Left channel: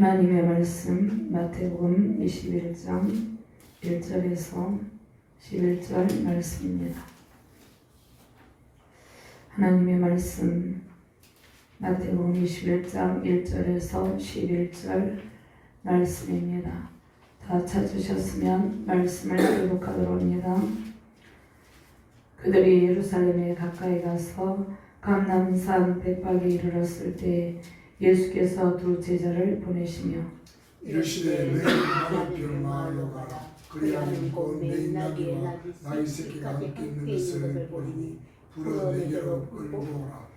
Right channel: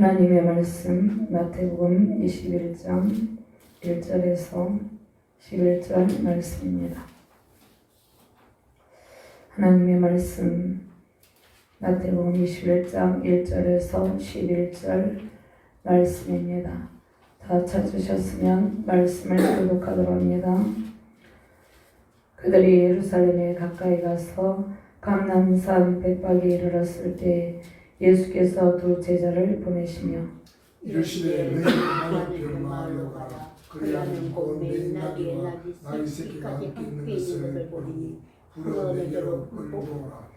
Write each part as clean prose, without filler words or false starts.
하나님의 말씀 마태복음 21장 1절에서 11절 말씀입니다. 하나님의 말씀 마태복음 21장 1절에서 11절 말씀입니다. 다 찾으셨으면 말씀을 교독하도록 합니다. 그들이 예루살렘에 가까이 가서 감람산 백박에 이르렀을 때 예수께서 두 제자를 보내시며 이르시되 너희 하나님 마을로 가라. 그리하면 곧 맥나기에 나귀 새끼까지 함께 있는 것을 보리니 불어 내게로 끌고 오라.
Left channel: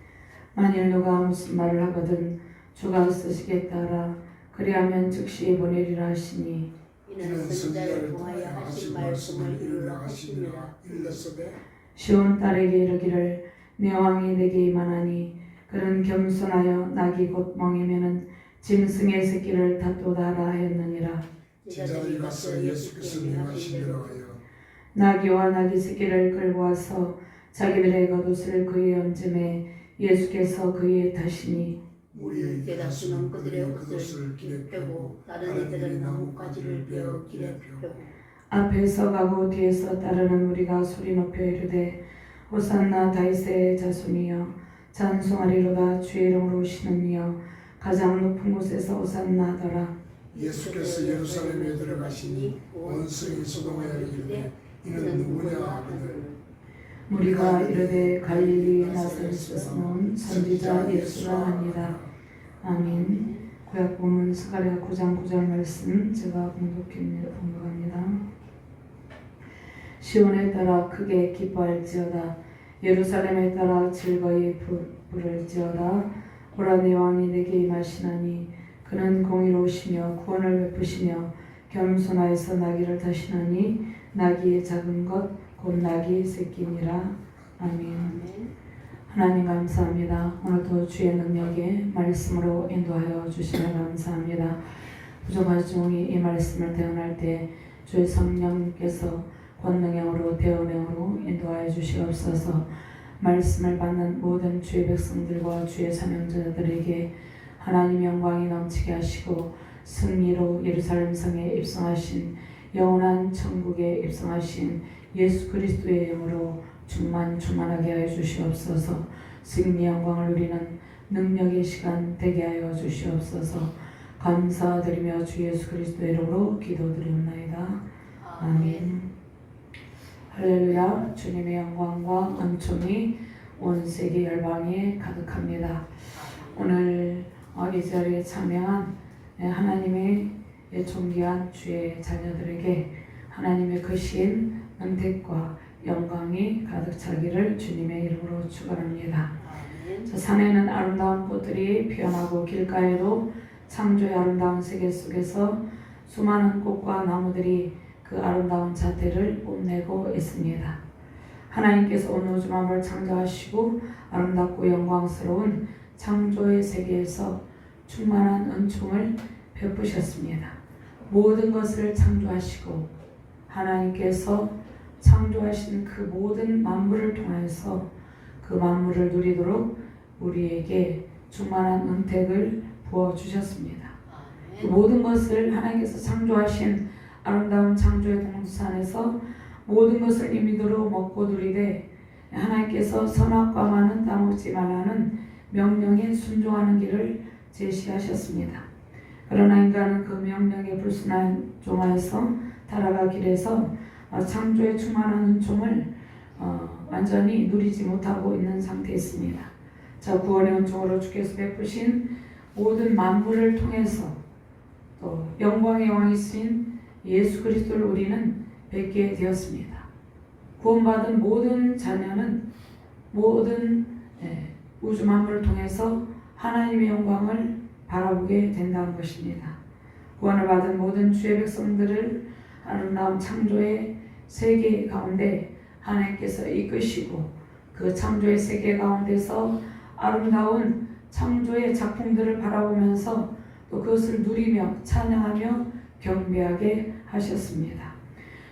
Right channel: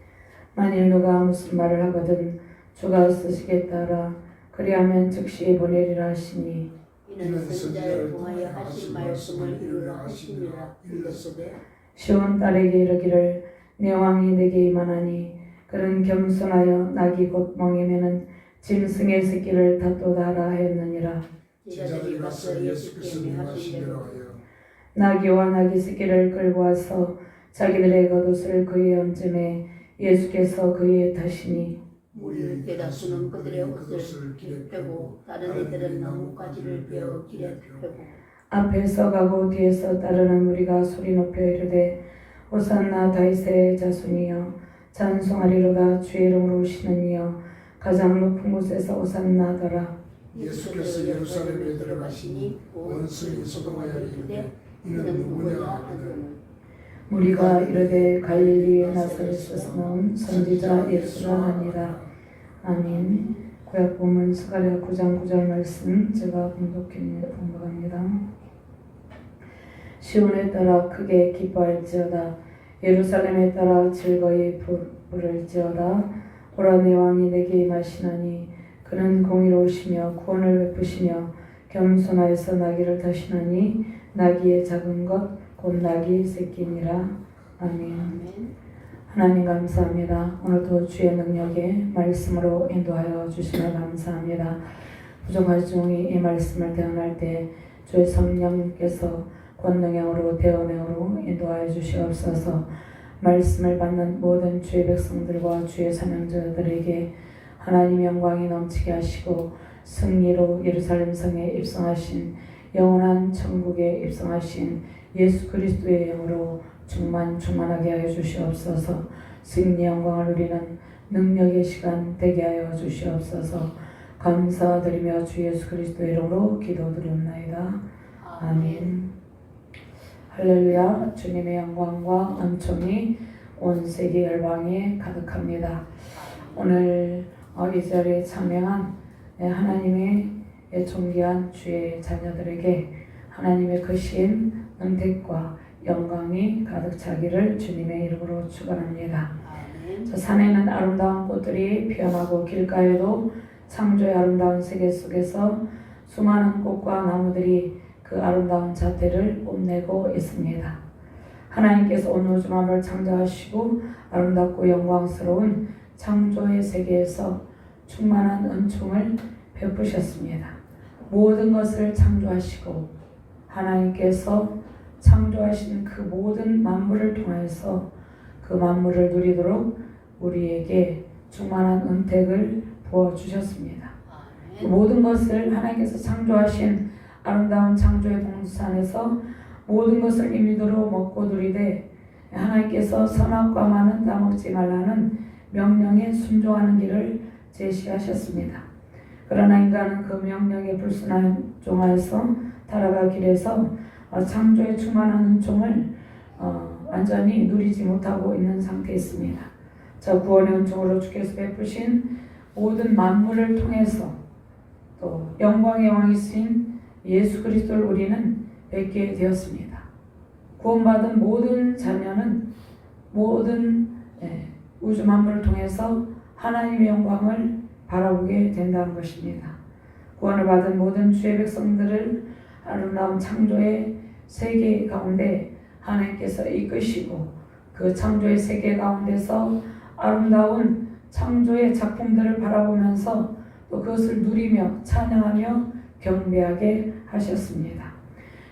만일 누가 무슨 말을 하거든 주가 쓰시겠다라. 그리하면 즉시 보내리라 하시니 이는 선자를 통하여 하신 말씀을 이루라 하시니라. 일렀으되 시온 딸에게 이르기를 내 왕이 내게 임하나니 그는 겸손하여 낙이 곧 멍이면은 짐승의 새끼를 다도다라 하였느니라. 제자들이 가서 예수께서 명하신 대로 하여 나귀와 나귀 새끼를 끌고 와서 자기들의 겉옷을 그의 얹음에 예수께서 그의 타시니 우리의 대다수는 그들의 옷을 길에 펴고 다른 이들은 나뭇가지를 베어 길에 펴고 앞에서 가고 뒤에서 따르는 무리가 소리 높여 이르되 호산나 다윗의 자손이여 찬송하리로다 주의 이름으로 오시는 이여 가장 높은 곳에서 호산나 하더라. 예수께서 예루살렘에 들어가시니 온 성이 소동하여 이르되 이는 누구냐 하더니 우리가 이르되 갈릴리의 나사렛에서 나온 선지자 예수라 하니라. 아멘. 구약 본문 스가랴 9장 9절 말씀 제가 봉독합니다. 시온에 따라 크게 기뻐할지어다. 예루살렘에 따라 즐거이 부를지어다. 보라 내 왕이 내게 임하시나니 그는 공의로우시며 구원을 베푸시며 겸손하여서 나귀를 타시나니 나귀의 작은 것 곧 나귀 새끼니라. 아멘. 하나님 감사합니다. 오늘도 주의 능력에 말씀으로 인도하여 주시면 감사합니다. 부족한 중이 이 말씀을 대응할 때 주의 성령께서 권능형으로 대언형으로 인도하여 주시옵소서. 말씀을 받는 모든 주의 백성들과 주의 사명자들에게 하나님의 영광이 넘치게 하시고 승리로 예루살렘 성에 입성하신 영원한 천국에 입성하신 예수 그리스도의 영으로 충만하게 하여 주시옵소서. 승리의 영광을 누리는 능력의 시간 되게 하여 주시옵소서. 감사드리며 주 예수 그리스도의 이름으로 기도드리옵나이다. 아멘. 할렐루야. 주님의 영광과 은총이 온 세계 열방에 가득합니다. 오늘 이 자리에 참여한 하나님의 존귀한 주의 자녀들에게 하나님의 크신 은택과 영광이 가득 차기를 주님의 이름으로 축원합니다. 저 산에는 아름다운 꽃들이 피어나고 길가에도 창조의 아름다운 세계 속에서 수많은 꽃과 나무들이 그 아름다운 자태를 뽐내고 있습니다. 하나님께서 온 우주만을 창조하시고 아름답고 영광스러운 창조의 세계에서 충만한 은총을 베푸셨습니다. 모든 것을 창조하시고 하나님께서 창조하신 그 모든 만물을 통해서 그 만물을 누리도록 우리에게 충만한 은택을 부어주셨습니다. 그 모든 것을 하나님께서 창조하신 아름다운 창조의 동산에서 모든 것을 임의대로 먹고 누리되 하나님께서 선악과 과는 따먹지 말라는 명령에 순종하는 길을 제시하셨습니다. 그러나 인간은 그 명령에 불순종하여서 타락의 길에서 창조의 충만한 은총을 완전히 누리지 못하고 있는 상태에 있습니다. 저 구원의 은총으로 주께서 베푸신 모든 만물을 통해서 또 영광의 왕이신 예수 그리스도를 우리는 뵙게 되었습니다. 구원받은 모든 자녀는 모든 우주 만물을 통해서 하나님의 영광을 바라보게 된다는 것입니다. 구원을 받은 모든 주의 백성들을 아름다운 창조의 세계 가운데 하나님께서 이끄시고 그 창조의 세계 가운데서 아름다운 창조의 작품들을 바라보면서 또 그것을 누리며 찬양하며 경배하게 하셨습니다.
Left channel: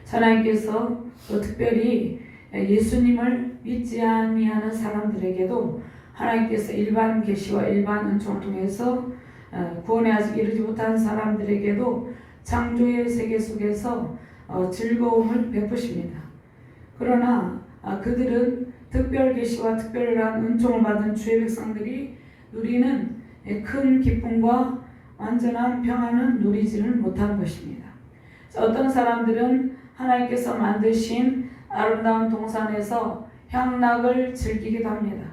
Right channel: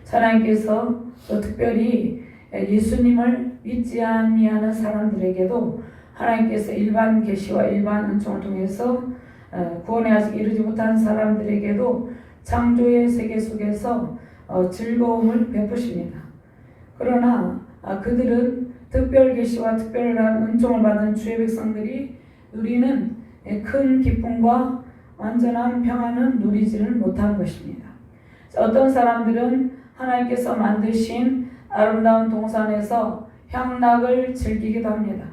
하나님께서 또 특별히 예수님을 믿지 아니하는 사람들에게도 하나님께서 일반 계시와 일반 은총을 통해서 구원에 아직 이르지 못한 사람들에게도 창조의 세계 속에서 즐거움을 베푸십니다. 그러나 그들은 특별 계시와 특별한 은총을 받은 주의 백성들이 누리는 큰 기쁨과 완전한 평안은 누리지는 못한 것입니다. 어떤 사람들은 하나님께서 만드신 아름다운 동산에서 향락을 즐기기도 합니다.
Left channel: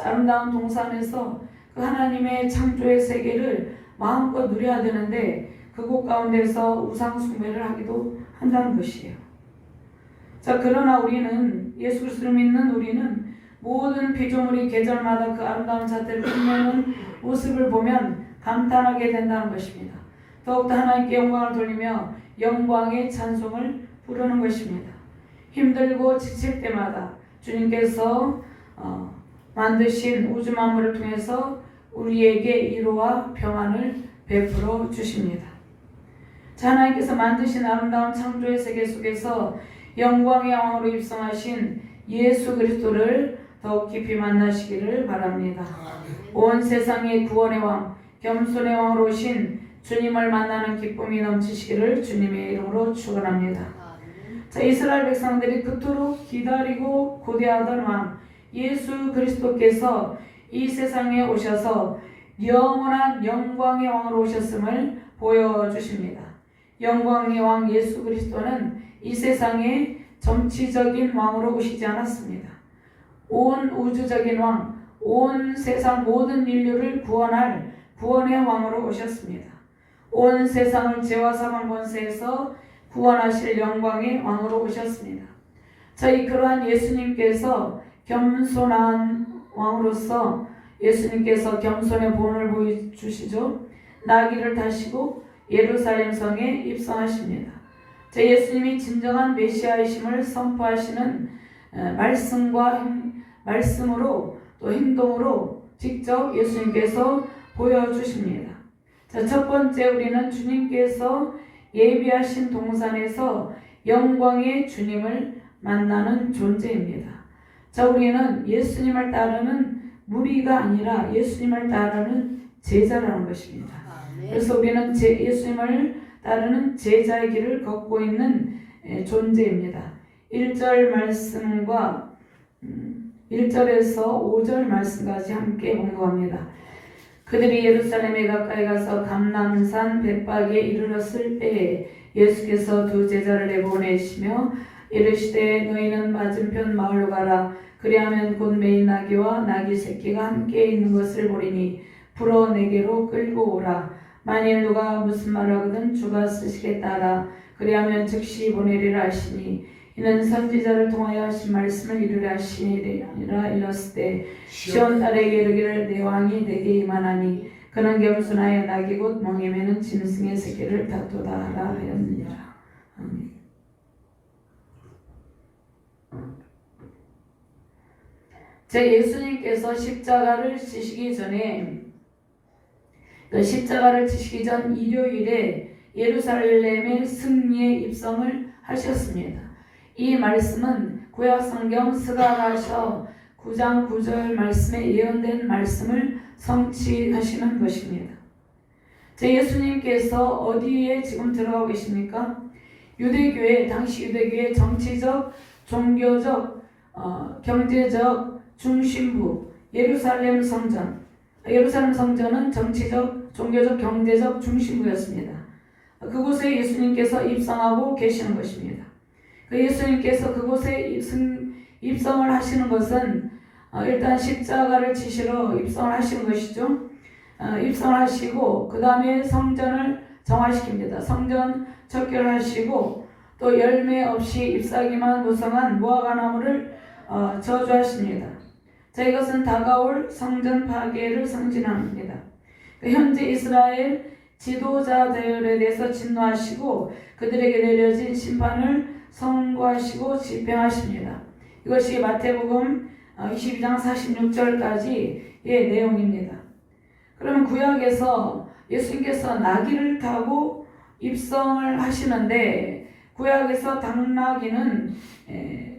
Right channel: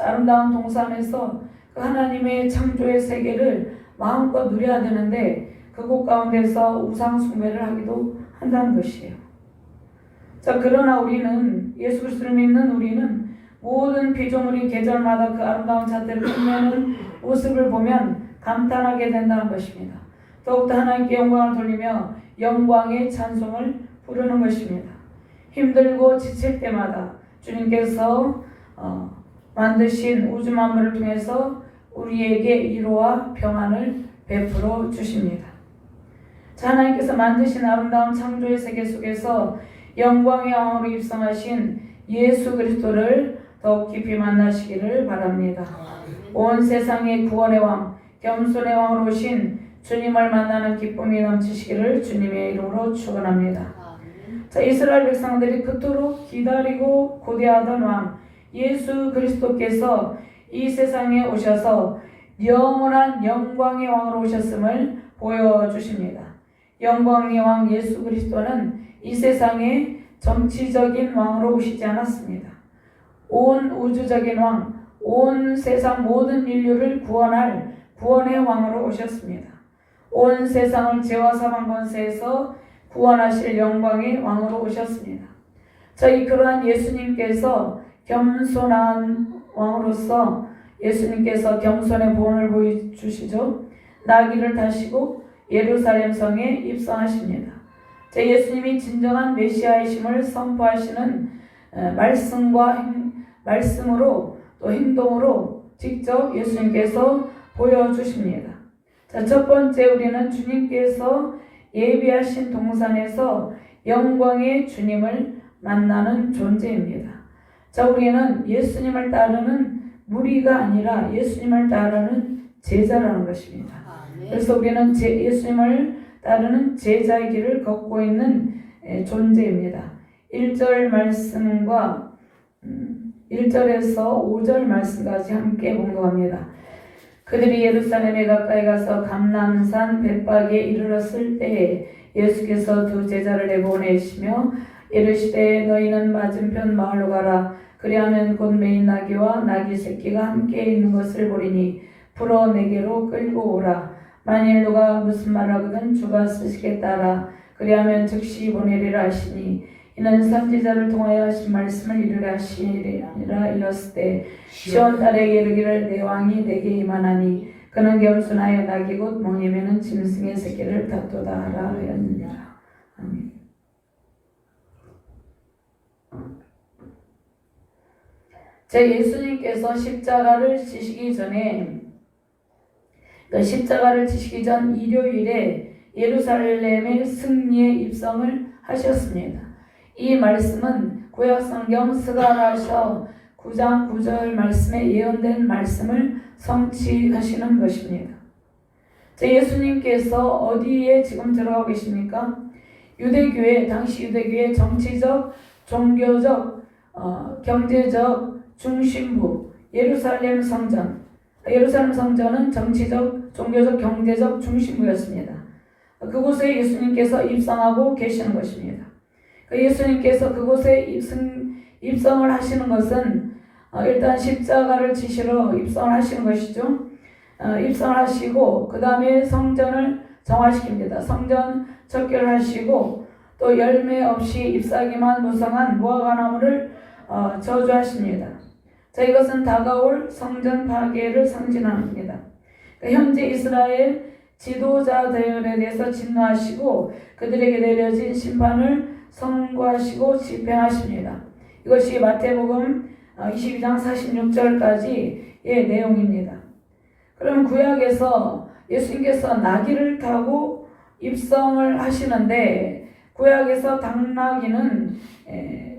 아름다운 동산에서 그 하나님의 창조의 세계를 마음껏 누려야 되는데 그곳 가운데서 우상 숭배를 하기도 한다는 것이에요. 자, 그러나 우리는 예수 그리스도를 믿는 우리는 모든 피조물이 계절마다 그 아름다운 자태를 뽐내는 모습을 보면 감탄하게 된다는 것입니다. 더욱더 하나님께 영광을 돌리며 영광의 찬송을 부르는 것입니다. 힘들고 지칠 때마다 주님께서 만드신 우주 만물을 통해서 우리에게 위로와 평안을 베풀어 주십니다. 하나님께서 만드신 아름다운 창조의 세계 속에서 영광의 왕으로 입성하신 예수 그리스도를 더욱 깊이 만나시기를 바랍니다. 온 세상의 구원의 왕, 겸손의 왕으로 오신 주님을 만나는 기쁨이 넘치시기를 주님의 이름으로 축원합니다. 자, 이스라엘 백성들이 그토록 기다리고 고대하던 왕 예수 그리스도께서 이 세상에 오셔서 영원한 영광의 왕으로 오셨음을 보여주십니다. 영광의 왕 예수 그리스도는 이 세상에 정치적인 왕으로 오시지 않았습니다. 온 우주적인 왕, 온 세상 모든 인류를 구원할 구원의 왕으로 오셨습니다. 온 세상을 죄와 사망 권세에서 구원하실 영광의 왕으로 오셨습니다. 저희 그러한 예수님께서 겸손한 왕으로서 예수님께서 겸손의 본을 보여주시죠. 나귀를 타시고 예루살렘 성에 입성하십니다. 제 예수님이 진정한 메시아이심을 선포하시는 말씀으로 또 행동으로 직접 예수님께서 보여주십니다. 자, 첫 번째 우리는 주님께서 예비하신 동산에서 영광의 주님을 만나는 존재입니다. 자, 우리는 예수님을 따르는 무리가 아니라 예수님을 따르는 제자라는 것입니다. 그래서 우리는 예수님을 따르는 제자의 길을 걷고 있는 존재입니다. 1절 말씀과 1절에서 5절 말씀까지 함께 공독합니다. 그들이 예루살렘에 가까이 가서 감람산 벳박에 이르렀을 때에 예수께서 두 제자를 내보내시며 이르시되 너희는 맞은편 마을로 가라. 그리하면 곧 매인 나귀와 나귀 새끼가 함께 있는 것을 보리니 풀어 내게로 끌고 오라. 만일 누가 무슨 말을 하거든 주가 쓰시겠다 하라. 그리하면 즉시 보내리라 하시니 이는 선지자를 통하여 하신 말씀을 이루려 하시니라. 이었을 때 시온 딸에게 이르기를 내 왕이 내게 임하나니 그는 겸손하여 나귀 곧 멍에매는 짐승의 새끼를 다투다 하라 하였느니라. 아멘. 제 예수님께서 십자가를 지시기 전에 십자가를 지시기 전 일요일에 예루살렘의 승리의 입성을 하셨습니다. 이 말씀은 구약성경 스가랴서 9장 9절 말씀에 예언된 말씀을 성취하시는 것입니다. 제 예수님께서 어디에 지금 들어가 계십니까? 유대교회, 당시 유대교회 정치적, 종교적, 경제적 중심부 예루살렘 성전. 예루살렘 성전은 정치적, 종교적, 경제적 중심부였습니다. 그곳에 예수님께서 입성하고 계시는 것입니다. 예수님께서 그곳에 입성을 하시는 것은 일단 십자가를 지시러 입성을 하시는 것이죠. 입성을 하시고 그 다음에 성전을 정화시킵니다. 성전 척결하시고 또 열매 없이 잎사귀만 무성한 무화과 나무를 저주하십니다. 자, 이것은 다가올 성전 파괴를 상징합니다. 현재 이스라엘 지도자들에 대해서 진노하시고 그들에게 내려진 심판을 선고하시고 집행하십니다. 이것이 마태복음 22장 46절까지의 내용입니다. 그러면 구약에서 예수님께서 나귀를 타고 입성을 하시는데 구약에서 당나귀는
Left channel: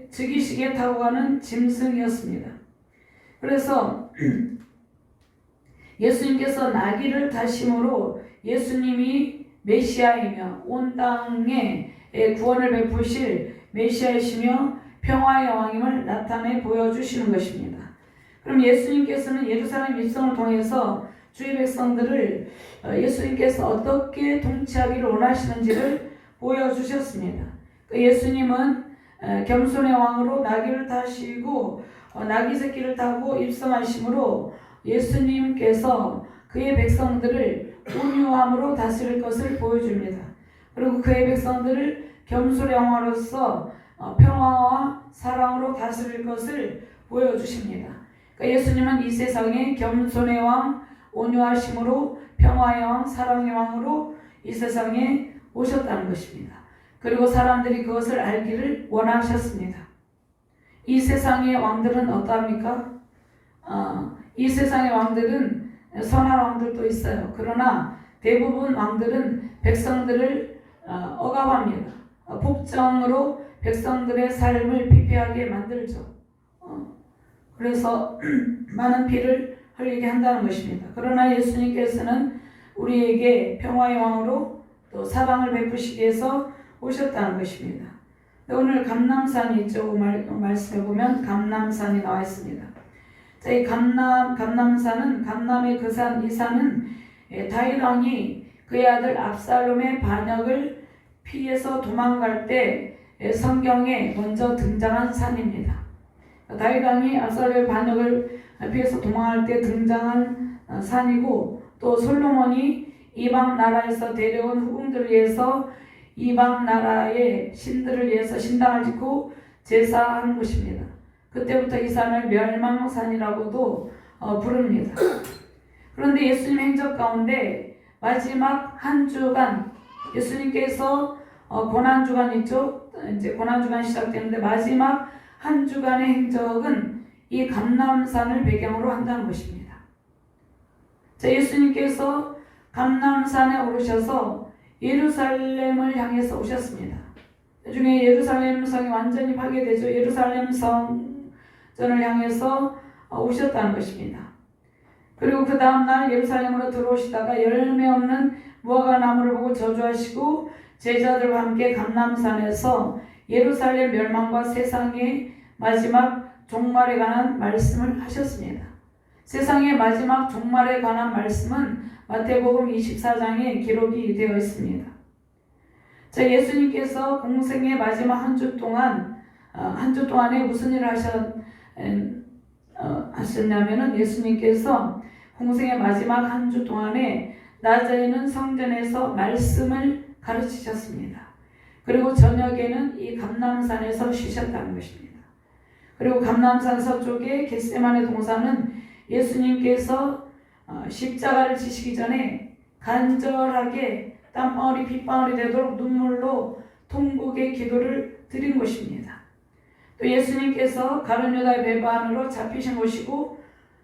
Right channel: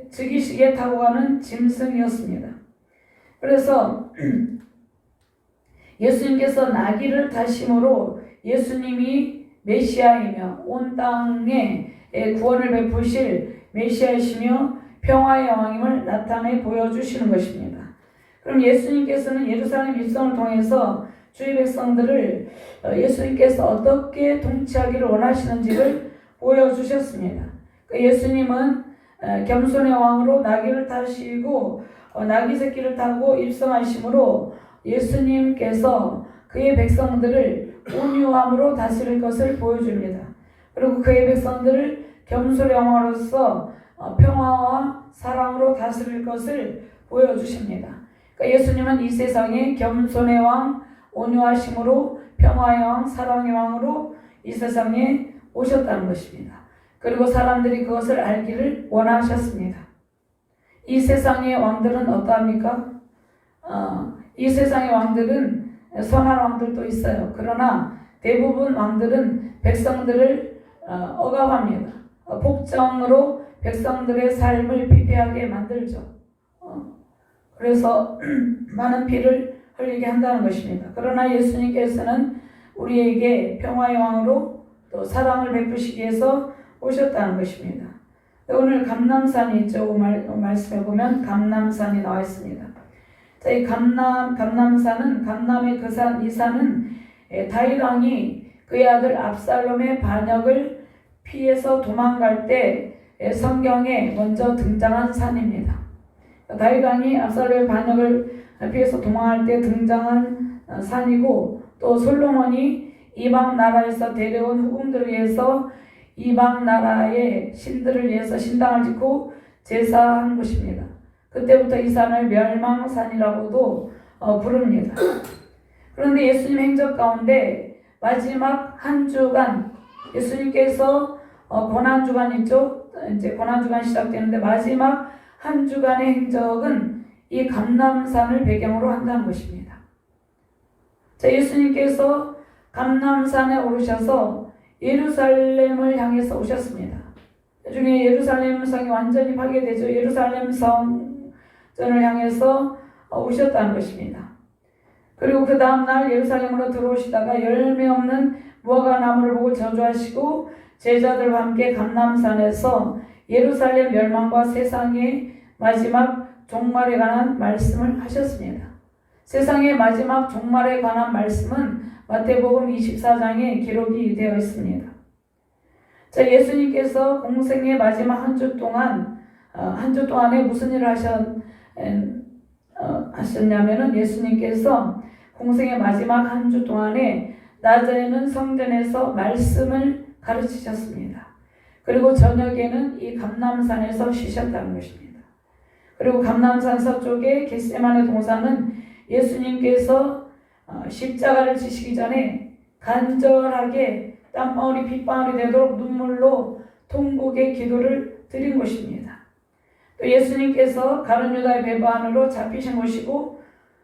즉위식에 타고 가는 짐승이었습니다. 그래서 예수님께서 나귀를 타심으로 예수님이 메시아이며 온 땅에 구원을 베푸실 메시아이시며 평화의 왕임을 나타내 보여주시는 것입니다. 그럼 예수님께서는 예루살렘 입성을 통해서 주의 백성들을 예수님께서 어떻게 통치하기를 원하시는지를 보여주셨습니다. 예수님은 겸손의 왕으로 나귀를 타시고 나귀 새끼를 타고 입성하심으로 예수님께서 그의 백성들을 온유함으로 다스릴 것을 보여줍니다. 그리고 그의 백성들을 겸손의 왕으로서 평화와 사랑으로 다스릴 것을 보여주십니다. 예수님은 이 세상에 겸손의 왕, 온유하심으로 평화의 왕, 사랑의 왕으로 이 세상에 오셨다는 것입니다. 그리고 사람들이 그것을 알기를 원하셨습니다. 이 세상의 왕들은 어떠합니까? 이 세상의 왕들은 선한 왕들도 있어요. 그러나 대부분 왕들은 백성들을 억압합니다. 복정으로 백성들의 삶을 피폐하게 만들죠. 그래서 많은 피를 흘리게 한다는 것입니다. 그러나 예수님께서는 우리에게 평화의 왕으로 또 사랑을 베푸시기 위해서 오셨다는 것입니다. 오늘 감람산이 있죠. 말씀해 보면 감람산이 나와 있습니다. 자, 이 감람산은 감람의 그 산, 이 산은 다윗 왕이 그의 아들 압살롬의 반역을 피해서 도망갈 때 성경에 먼저 등장한 산입니다. 다윗 왕이 압살롬의 반역을 피해서 도망할 때 등장한 산이고, 또 솔로몬이 이방 나라에서 데려온 후궁들을 위해서 이방 나라의 신들을 위해서 신당을 짓고 제사한 곳입니다. 그때부터 이 산을 멸망산이라고도 부릅니다. 그런데 예수님 행적 가운데 마지막 한 주간, 예수님께서 고난주간 있죠? 이제 고난주간 시작되는데 마지막 한 주간의 행적은 이 감람산을 배경으로 한다는 것입니다. 자, 예수님께서 감람산에 오르셔서 예루살렘을 향해서 오셨습니다. 나중에 예루살렘 성이 완전히 파괴되죠. 예루살렘 성전을 향해서 오셨다는 것입니다. 그리고 그 다음날 예루살렘으로 들어오시다가 열매 없는 무화과 나무를 보고 저주하시고 제자들과 함께 감람산에서 예루살렘 멸망과 세상의 마지막 종말에 관한 말씀을 하셨습니다. 세상의 마지막 종말에 관한 말씀은 마태복음 24장에 기록이 되어 있습니다. 자, 예수님께서 공생의 마지막 한 주 동안에 무슨 일을 하셨냐면은 예수님께서 공생의 마지막 한 주 동안에 낮에 있는 성전에서 말씀을 가르치셨습니다. 그리고 저녁에는 이 감람산에서 쉬셨다는 것입니다. 그리고 감람산 서쪽의 겟세마네 동산은 예수님께서 십자가를 지시기 전에 간절하게 땀방울이 핏방울이 되도록 눈물로 통곡의 기도를 드린 곳입니다. 또 예수님께서 가룟 유다의 배반으로 잡히신 곳이고,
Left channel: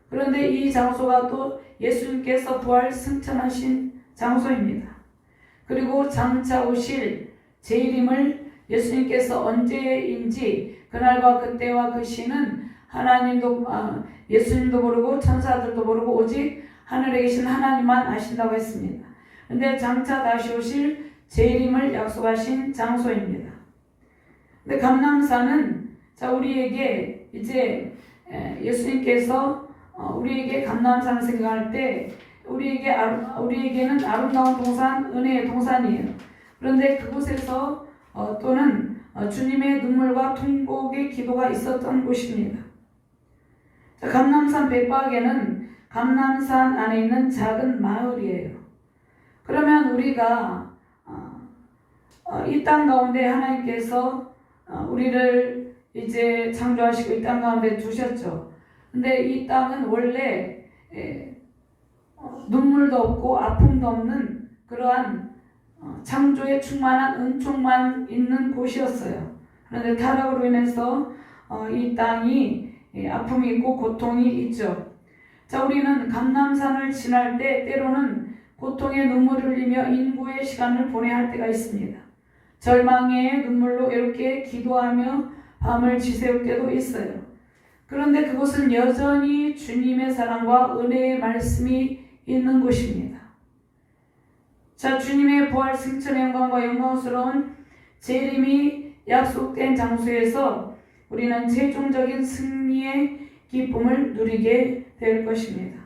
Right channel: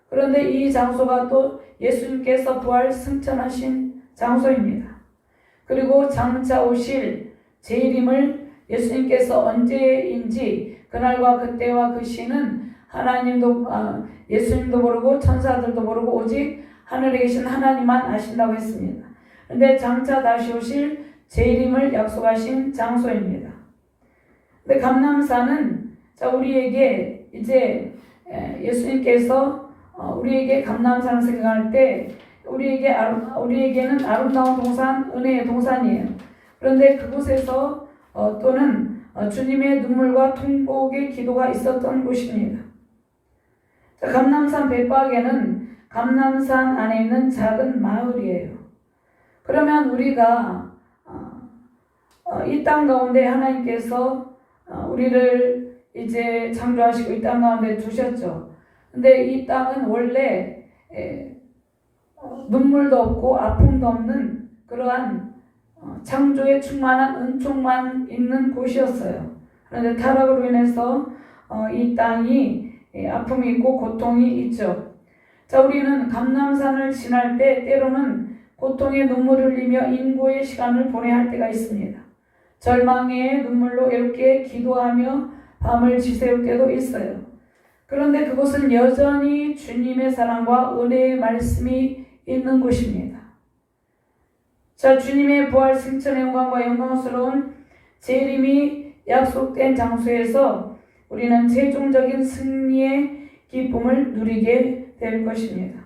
그런데 이 장소가 또 예수님께서 부활 승천하신 장소입니다. 그리고 장차 오실 재림을 예수님께서 언제인지 그날과 그때와 그 시는 하나님도 예수님도 모르고 천사들도 모르고 오직 하늘에 계신 하나님만 아신다고 했습니다. 그런데 장차 다시 오실 재림을 약속하신 장소입니다. 근데 감람산은 자, 우리에게 이제 예수님께서 우리에게 감람산을 생각할 때 우리에게는 아름다운 동산, 은혜의 동산이에요. 그런데 그곳에서 또는 주님의 눈물과 통곡의 기도가 있었던 곳입니다. 자, 감람산 bet박에는 감람산 안에 있는 작은 마을이에요. 그러면 우리가 이 땅 가운데 하나님께서 우리를 이제 창조하시고 이 땅 가운데 두셨죠. 근데 이 땅은 원래 눈물도 없고 아픔도 없는 그러한 창조에 충만한 은총만 있는 곳이었어요. 그런데 타락으로 인해서 이 땅이 아픔이 있고 고통이 있죠. 자, 우리는 감람산을 지날 때 때로는 고통의 눈물을 흘리며 인고의 시간을 보내야 할 때가 있습니다. 절망의 눈물로 이렇게 기도하며 밤을 지새울 때도 있어요. 그런데 그곳은 여전히 주님의 사랑과 은혜의 말씀이 있는 곳입니다. 자, 주님의 부활 승천의 영광과 영광스러운 재림이 약속된 장소에서 우리는 최종적인 승리의 기쁨을 누리게 될 것입니다.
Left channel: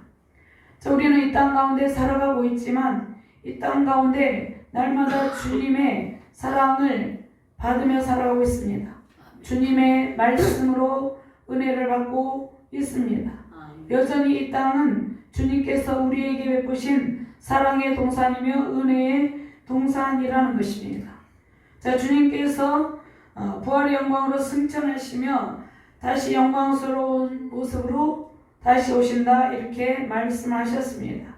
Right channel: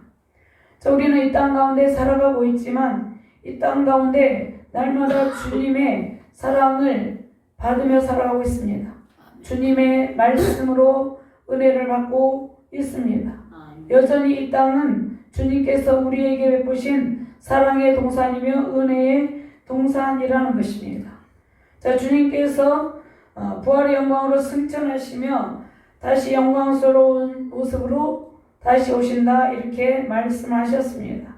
자, 우리는 이 땅 가운데 살아가고 있지만 이 땅 가운데 날마다 주님의 사랑을 받으며 살아가고 있습니다. 주님의 말씀으로 은혜를 받고 있습니다. 여전히 이 땅은 주님께서 우리에게 베푸신 사랑의 동산이며 은혜의 동산이라는 것입니다. 자, 주님께서 부활의 영광으로 승천하시며 다시 영광스러운 모습으로 다시 오신다 이렇게 말씀하셨습니다.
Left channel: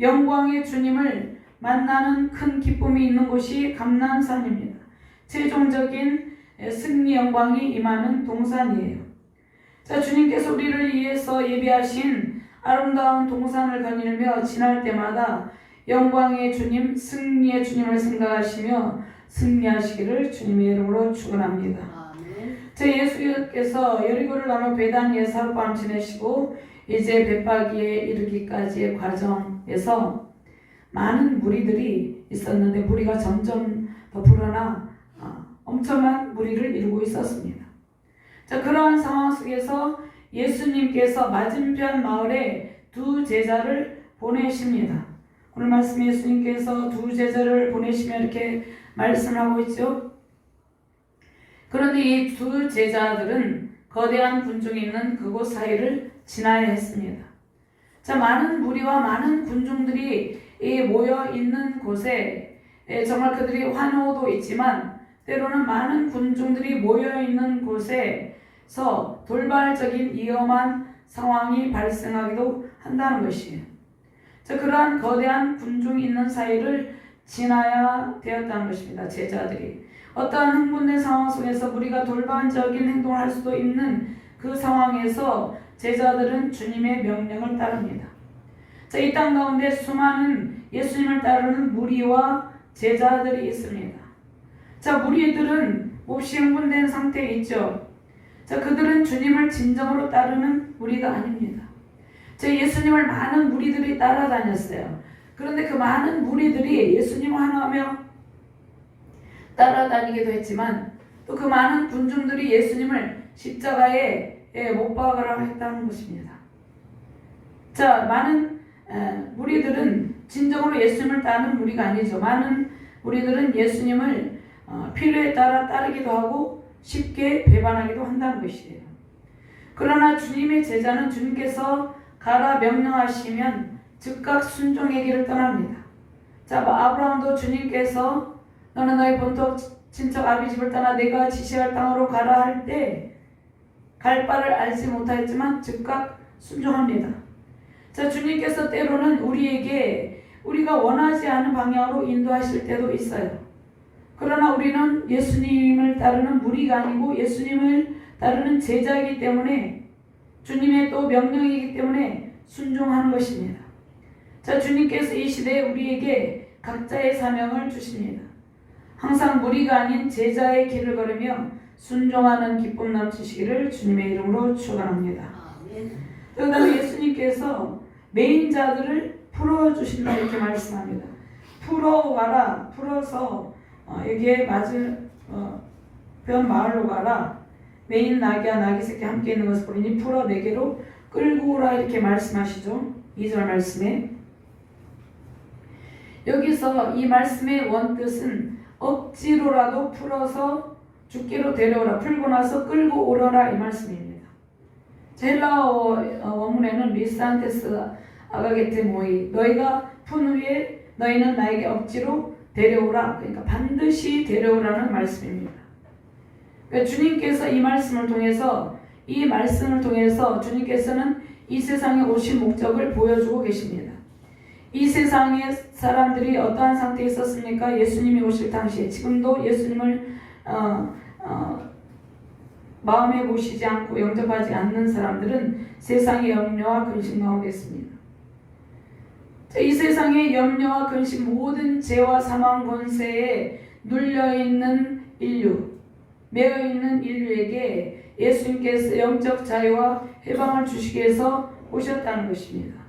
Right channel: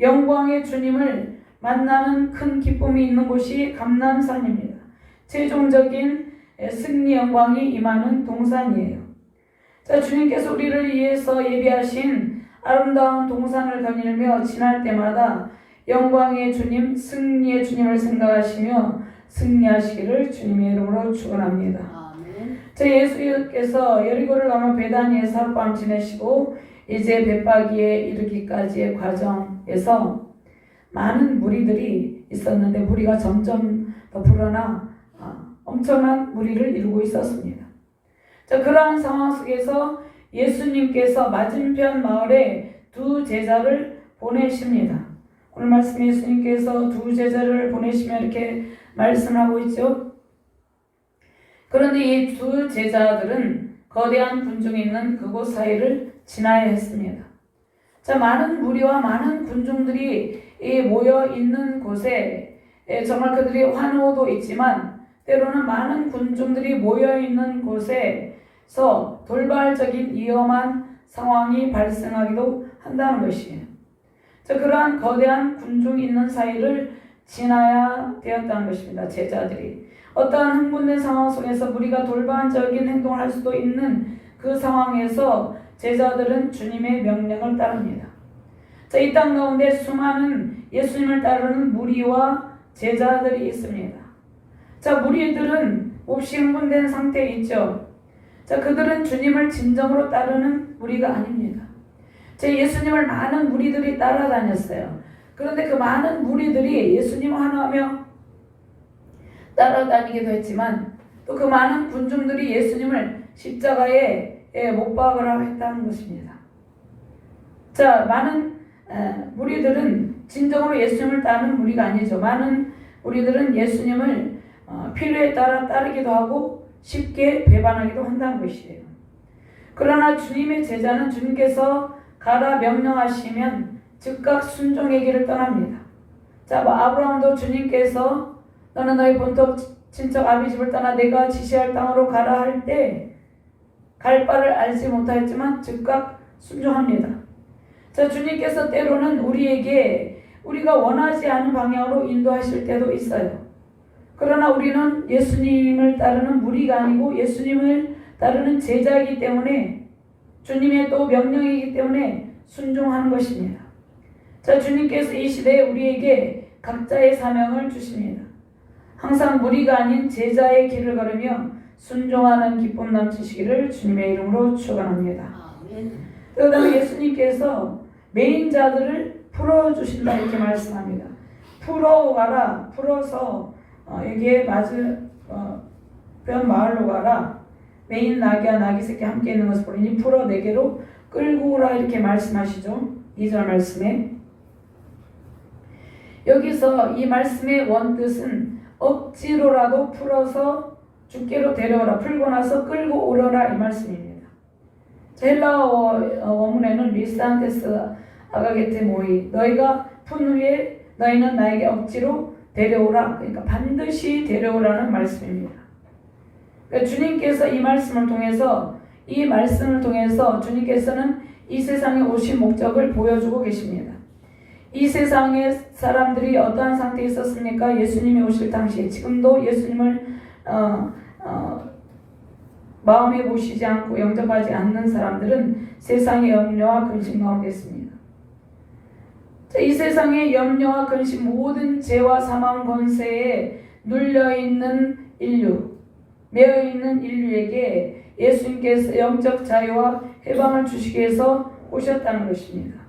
영광의 주님을 만나는 큰 기쁨이 있는 곳이 감람산입니다. 최종적인 승리 영광이 임하는 동산이에요. 자, 주님께서 우리를 위해서 예비하신 아름다운 동산을 거닐며 지날 때마다 영광의 주님, 승리의 주님을 생각하시며 승리하시기를 주님의 이름으로 축원합니다. 제 예수께서 여리고를 넘어 베다니에서 하룻밤 지내시고 이제 벳바기에 이르기까지의 과정에서 많은 무리들이 있었는데 무리가 점점 더 불어나 엄청난 무리를 이루고 있었습니다. 자, 그러한 상황 속에서 예수님께서 맞은편 마을에 두 제자를 보내십니다. 오늘 말씀 예수님께서 두 제자를 보내시며 이렇게 말씀하고 있죠. 그런데 이 두 제자들은 거대한 군중이 있는 그곳 사이를 지나야 했습니다. 자, 많은 무리와 많은 군중들이 모여 있는 곳에 정말 그들이 환호도 있지만 때로는 많은 군중들이 모여 있는 곳에서 돌발적인 위험한 상황이 발생하기도 한다는 것이에요. 자, 그러한 거대한 군중이 있는 사이를 지나야 되었다는 것입니다. 제자들이 어떠한 흥분된 상황 속에서 우리가 돌반적인 행동을 할 수도 있는 그 상황에서 제자들은 주님의 명령을 따릅니다. 자, 이 땅 가운데 수많은 예수님을 따르는 무리와 제자들이 있습니다. 자, 무리들은 몹시 흥분된 상태에 있죠. 자, 그들은 주님을 진정으로 따르는 무리가 아닙니다. 자, 예수님을 많은 무리들이 따라다녔어요. 그런데 그 많은 무리들이 예수님을 환호하며 따라다니기도 했지만 또 그 많은 군중들이 예수님을 십자가에 못 박으라 했다는 것입니다. 자, 많은 무리들은 진정으로 예수님을 따르는 무리가 아니죠. 많은 무리들은 예수님을 필요에 따라 따르기도 하고 쉽게 배반하기도 한다는 것이에요. 그러나 주님의 제자는 주님께서 가라 명령하시면 즉각 순종의 길을 떠납니다. 자, 아브라함도 주님께서 너는 너희 본토 친척 아비 집을 떠나 내가 지시할 땅으로 가라 할 때 갈 바를 알지 못하였지만 즉각 순종합니다. 자, 주님께서 때로는 우리에게 우리가 원하지 않은 방향으로 인도하실 때도 있어요. 그러나 우리는 예수님을 따르는 무리가 아니고 예수님을 따르는 제자이기 때문에 주님의 또 명령이기 때문에 순종하는 것입니다. 자, 주님께서 이 시대에 우리에게 각자의 사명을 주십니다. 항상 무리가 아닌 제자의 길을 걸으며 순종하는 기쁨 넘치시기를 주님의 이름으로 축원합니다. 그다음에 예수님께서 매인자들을 풀어주신다 이렇게 말씀합니다. 풀어와라, 풀어서 여기에 맞은 변 마을로 가라. 매인 나귀와 나귀 새끼 함께 있는 것을 보니 풀어 내게로 끌고 오라 이렇게 말씀하시죠. 2절 말씀에 여기서 이 말씀의 원뜻은 억지로라도 풀어서 주께로 데려오라, 풀고 나서 끌고 오려라 이 말씀입니다. 헬라어 원문에는 미스안테스 아가게테 모이 너희가 푼 후에 너희는 나에게 억지로 데려오라, 그러니까 반드시 데려오라는 말씀입니다. 그러니까 주님께서 이 말씀을 통해서 주님께서는 이 세상에 오신 목적을 보여주고 계십니다. 이 세상의 사람들이 어떠한 상태에 있었습니까? 예수님이 오실 당시에 지금도 예수님을 마음에 모시지 않고 영접하지 않는 사람들은 세상의 염려와 근심 가운데 있습니다. 이 세상의 염려와 근심, 모든 죄와 사망 권세에 눌려있는 인류, 매여있는 인류에게 예수님께서 영적 자유와 해방을 주시기 위해서 오셨다는 것입니다.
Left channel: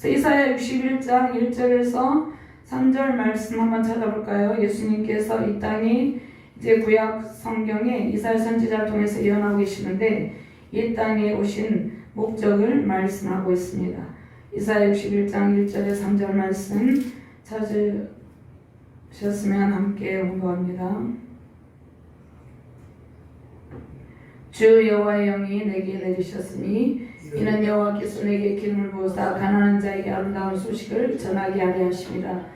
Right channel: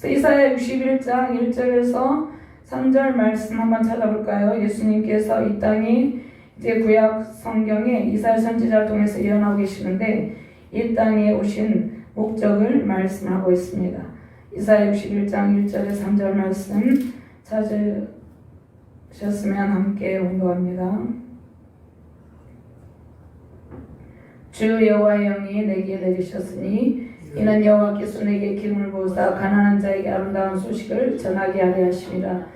그래서 이사야 61장 1절에서 3절 말씀 한번 찾아볼까요? 예수님께서 이 땅이 이제 구약 성경에 이사야 선지자를 통해서 예언하고 계시는데 이 땅에 오신 목적을 말씀하고 있습니다. 이사야 61장 1절에 3절 말씀 찾으셨으면 함께 공부합니다. 주 여호와의 영이 내게 내리셨으니 이는 여호와께서 내게 기름을 부으사 가난한 자에게 아름다운 소식을 전하게 하려 하심이라.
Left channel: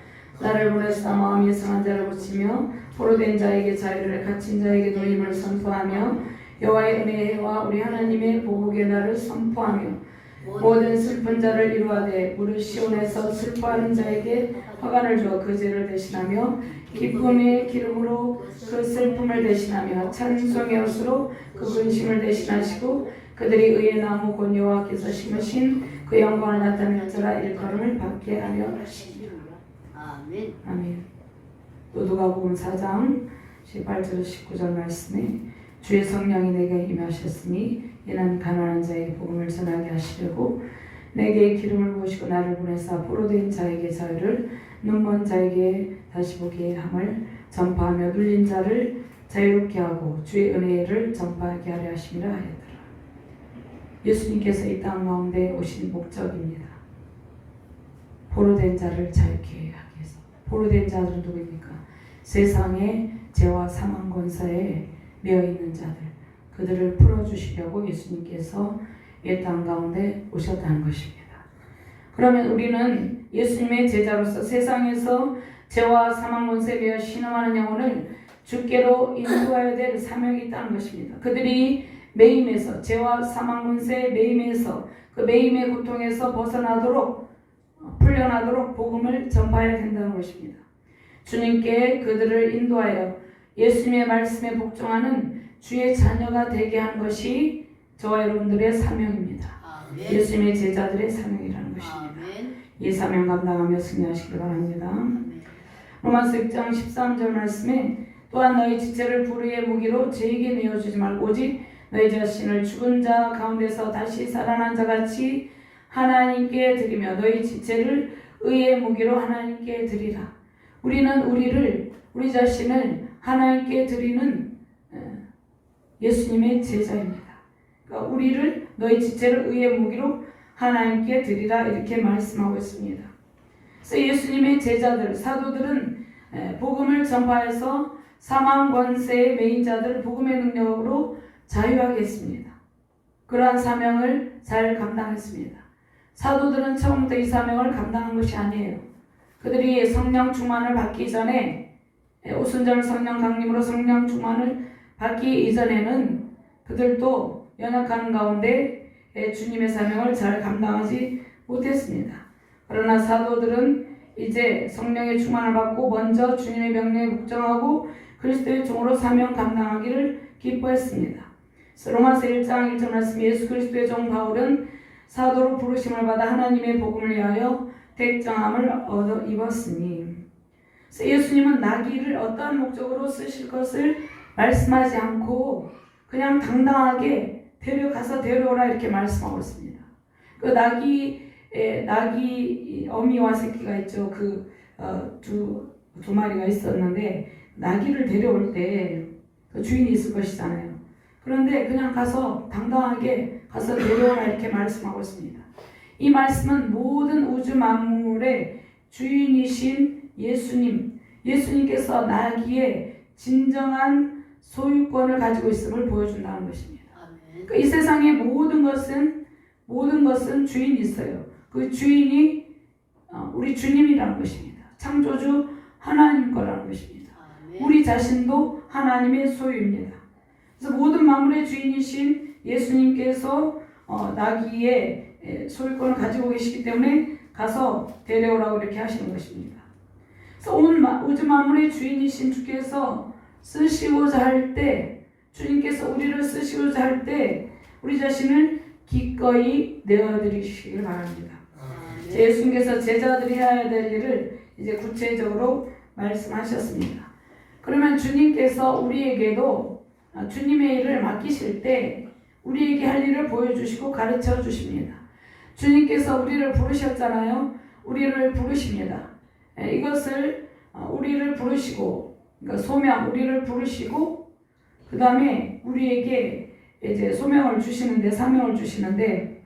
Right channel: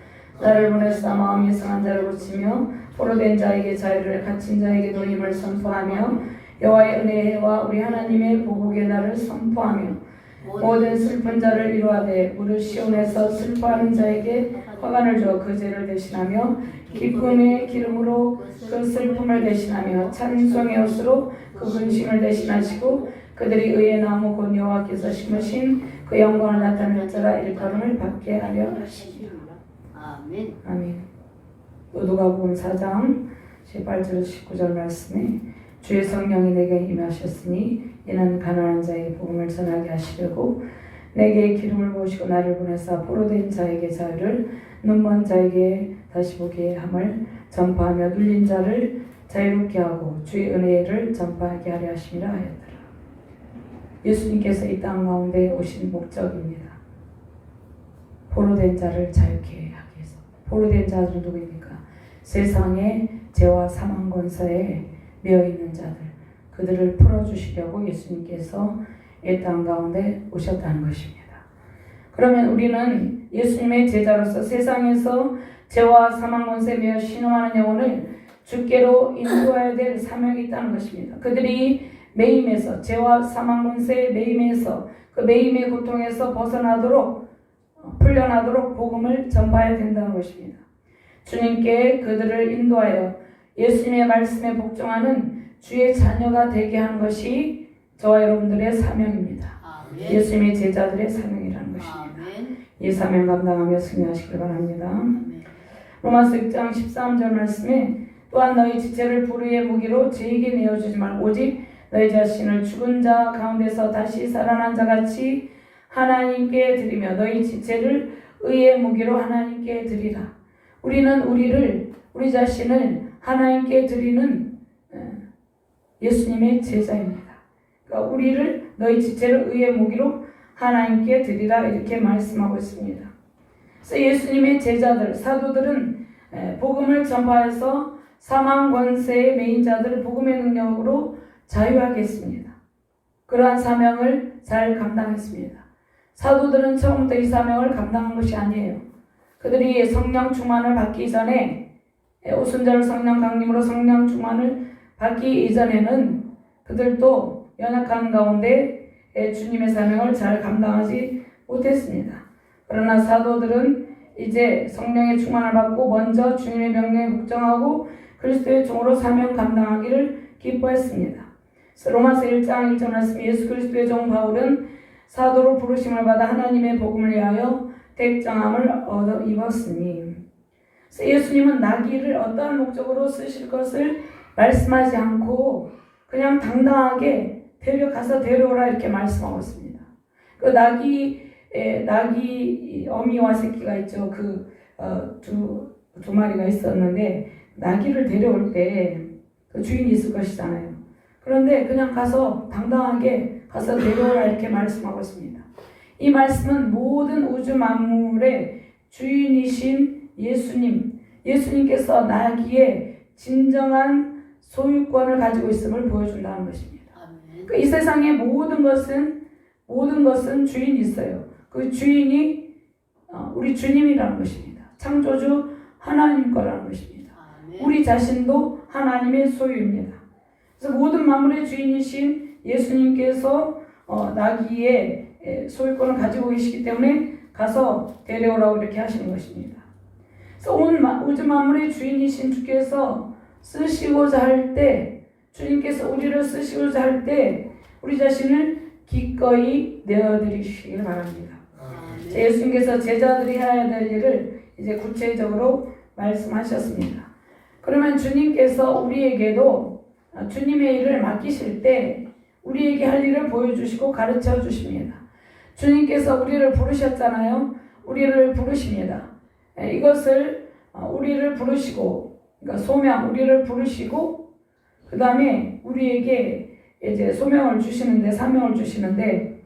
나를 보내사 마음이 상한 자를 고치며 포로된 자에게 자유를 갇힌 자에게 놀림을 선포하며 여호와의 은혜와 우리 하나님의 보복의 날을 선포하며 모든 슬픈 자를 이루하되 무릇 시온에서 슬퍼하는 자에게 화관을 주어 그 죄를 대신하며 기쁨의 기름으로 그 슬픔을 대신하며 찬송의 옷으로 그 근심을 대신하시고 그들이 의의 나무 곧 여호와께서 심으신 그 영광을 나타낼 자라 일컬음을 받게 하려 하시니라. 아멘. 아멘. 또 누가복음 4장 18절 19절 말씀에 주의 성령이 내게 임하셨으니 이는 가난한 자에게 복음을 전하게 하시려고 내게 기름을 부으시고 나를 보내사 포로된 자에게 자유를 눈먼 자에게 다시 보게 함을 전파하며 눌린 자를 자유롭게 하고 주의 은혜를 전파하게 하려 하심이라 하였더라. 예수님께서 이 땅 가운데 오신 목적입니다. 포로된 자를 자유케 하기 위해서. 포로된 자들은 누구입니까? 세상의 죄와 사망 권세에 매여 있는 자들, 그들을 풀어주시려고 예수님께서 이 땅 가운데 오셨다는 것입니다. 그러면 우리는 예수님의 제자로서 세상에서 죄와 사망 권세에 매여 신음하는 영혼을 주께로 인도해야 될 사명이 있다는 것입니다. 그들이 매임에서 죄와 사망 권세의 매임에서 그 매임의 고통에서 벗어나도록 풀려나도록 복음을 전파해야 된다는 것입니다. 주님께 그들을 인도하여 예수님의 말씀에 복종하는 주의 자녀가 되게 하는 것이 저와 여러분들의 사명입니다. 아멘. 예수님의 제자들의 사명이라는 것입니다. 아멘. 이 사명 감당하며 승리하시길 바랍니다. 아멘. 로마서 6장 13절 말씀에 또한 너희 지체를 불의의 무기로 죄에게 내어주지 말고 오직 너희 자신을 죽은 자 가운데서 다시 살아난 자같이 하나님께 드리며 너희 지체를 의의 무기로 하나님께 드리라. 우리는 우리 자신을 하나님께 드리는 예수님의 제자입니다. 그러니까 우리를 너희 지체를 의의 무기로 하나님께 드리라 이렇게 말씀하고 있습니다. 그래서 예수님의 제자들, 사도들은 복음을 전파해서 사망 권세의 매인 자들을 복음의 능력으로 자유하게 했습니다. 그러한 사명을 잘 감당했습니다. 사도들은 처음부터 이 사명을 감당한 것이 아니에요. 그들이 성령 충만을 받기 전에 오순절 성령 강림으로 성령 충만을 받기 이전에는 그들도 연약한 가운데 주님의 사명을 잘 감당하지 못했습니다. 그러나 사도들은 이제 성령의 충만을 받고 먼저 주님의 명령에 복종하고 그리스도의 종으로 사명 감당하기를 기뻐했습니다. 로마서 1장 1절 말씀 예수 그리스도의 종 바울은 사도로 부르심을 받아 하나님의 복음을 위하여 택정함을 얻어 입었으니 예수님은 나귀를 어떠한 목적으로 쓰실 것을 말씀하지 않고 그냥 당당하게 가서 데려오라 이렇게 말씀하고 있습니다. 그 나귀 어미와 새끼가 있죠. 두 마리가 있었는데 나귀를 데려올 때 그 주인이 있을 것이잖아요. 그런데 그냥 가서 당당하게 가서 데려오라 이렇게 말씀하고 있습니다. 이 말씀은 모든 우주 만물의 주인이신 예수님께서 나귀의 진정한 소유권을 가지고 있음을 보여준다는 것입니다. 그러니까 이 세상의 모든 것은 주인이 있어요. 그 주인이 우리 주님이라는 것입니다. 창조주 하나님 거라는 것입니다. 우리 자신도 하나님의 소유입니다. 그래서 모든 만물의 주인이신 예수님께서 나귀의 소유권을 가지고 계시기 때문에 가서 데려오라고 이렇게 하시는 것입니다. 그래서 온 우주 만물의 주인이신 주께서 쓰시고자 할 때, 주님께서 우리를 쓰시고자 할 때 우리 자신을 기꺼이 내어드리시길 바랍니다. 예수님께서 제자들이 해야 될 일을 이제 구체적으로 말씀하셨습니다. 그러면 주님께서 우리에게도 주님의 일을 맡기실 때 우리에게 할 일을 보여주시고 가르쳐 주십니다. 주님께서 우리를 부르셨잖아요. 우리를 부르십니다. 이것을 우리를 부르시고, 그러니까 소명, 우리를 부르시고, 그 다음에 우리에게 이제 소명을 주시는데, 사명을 주시는데,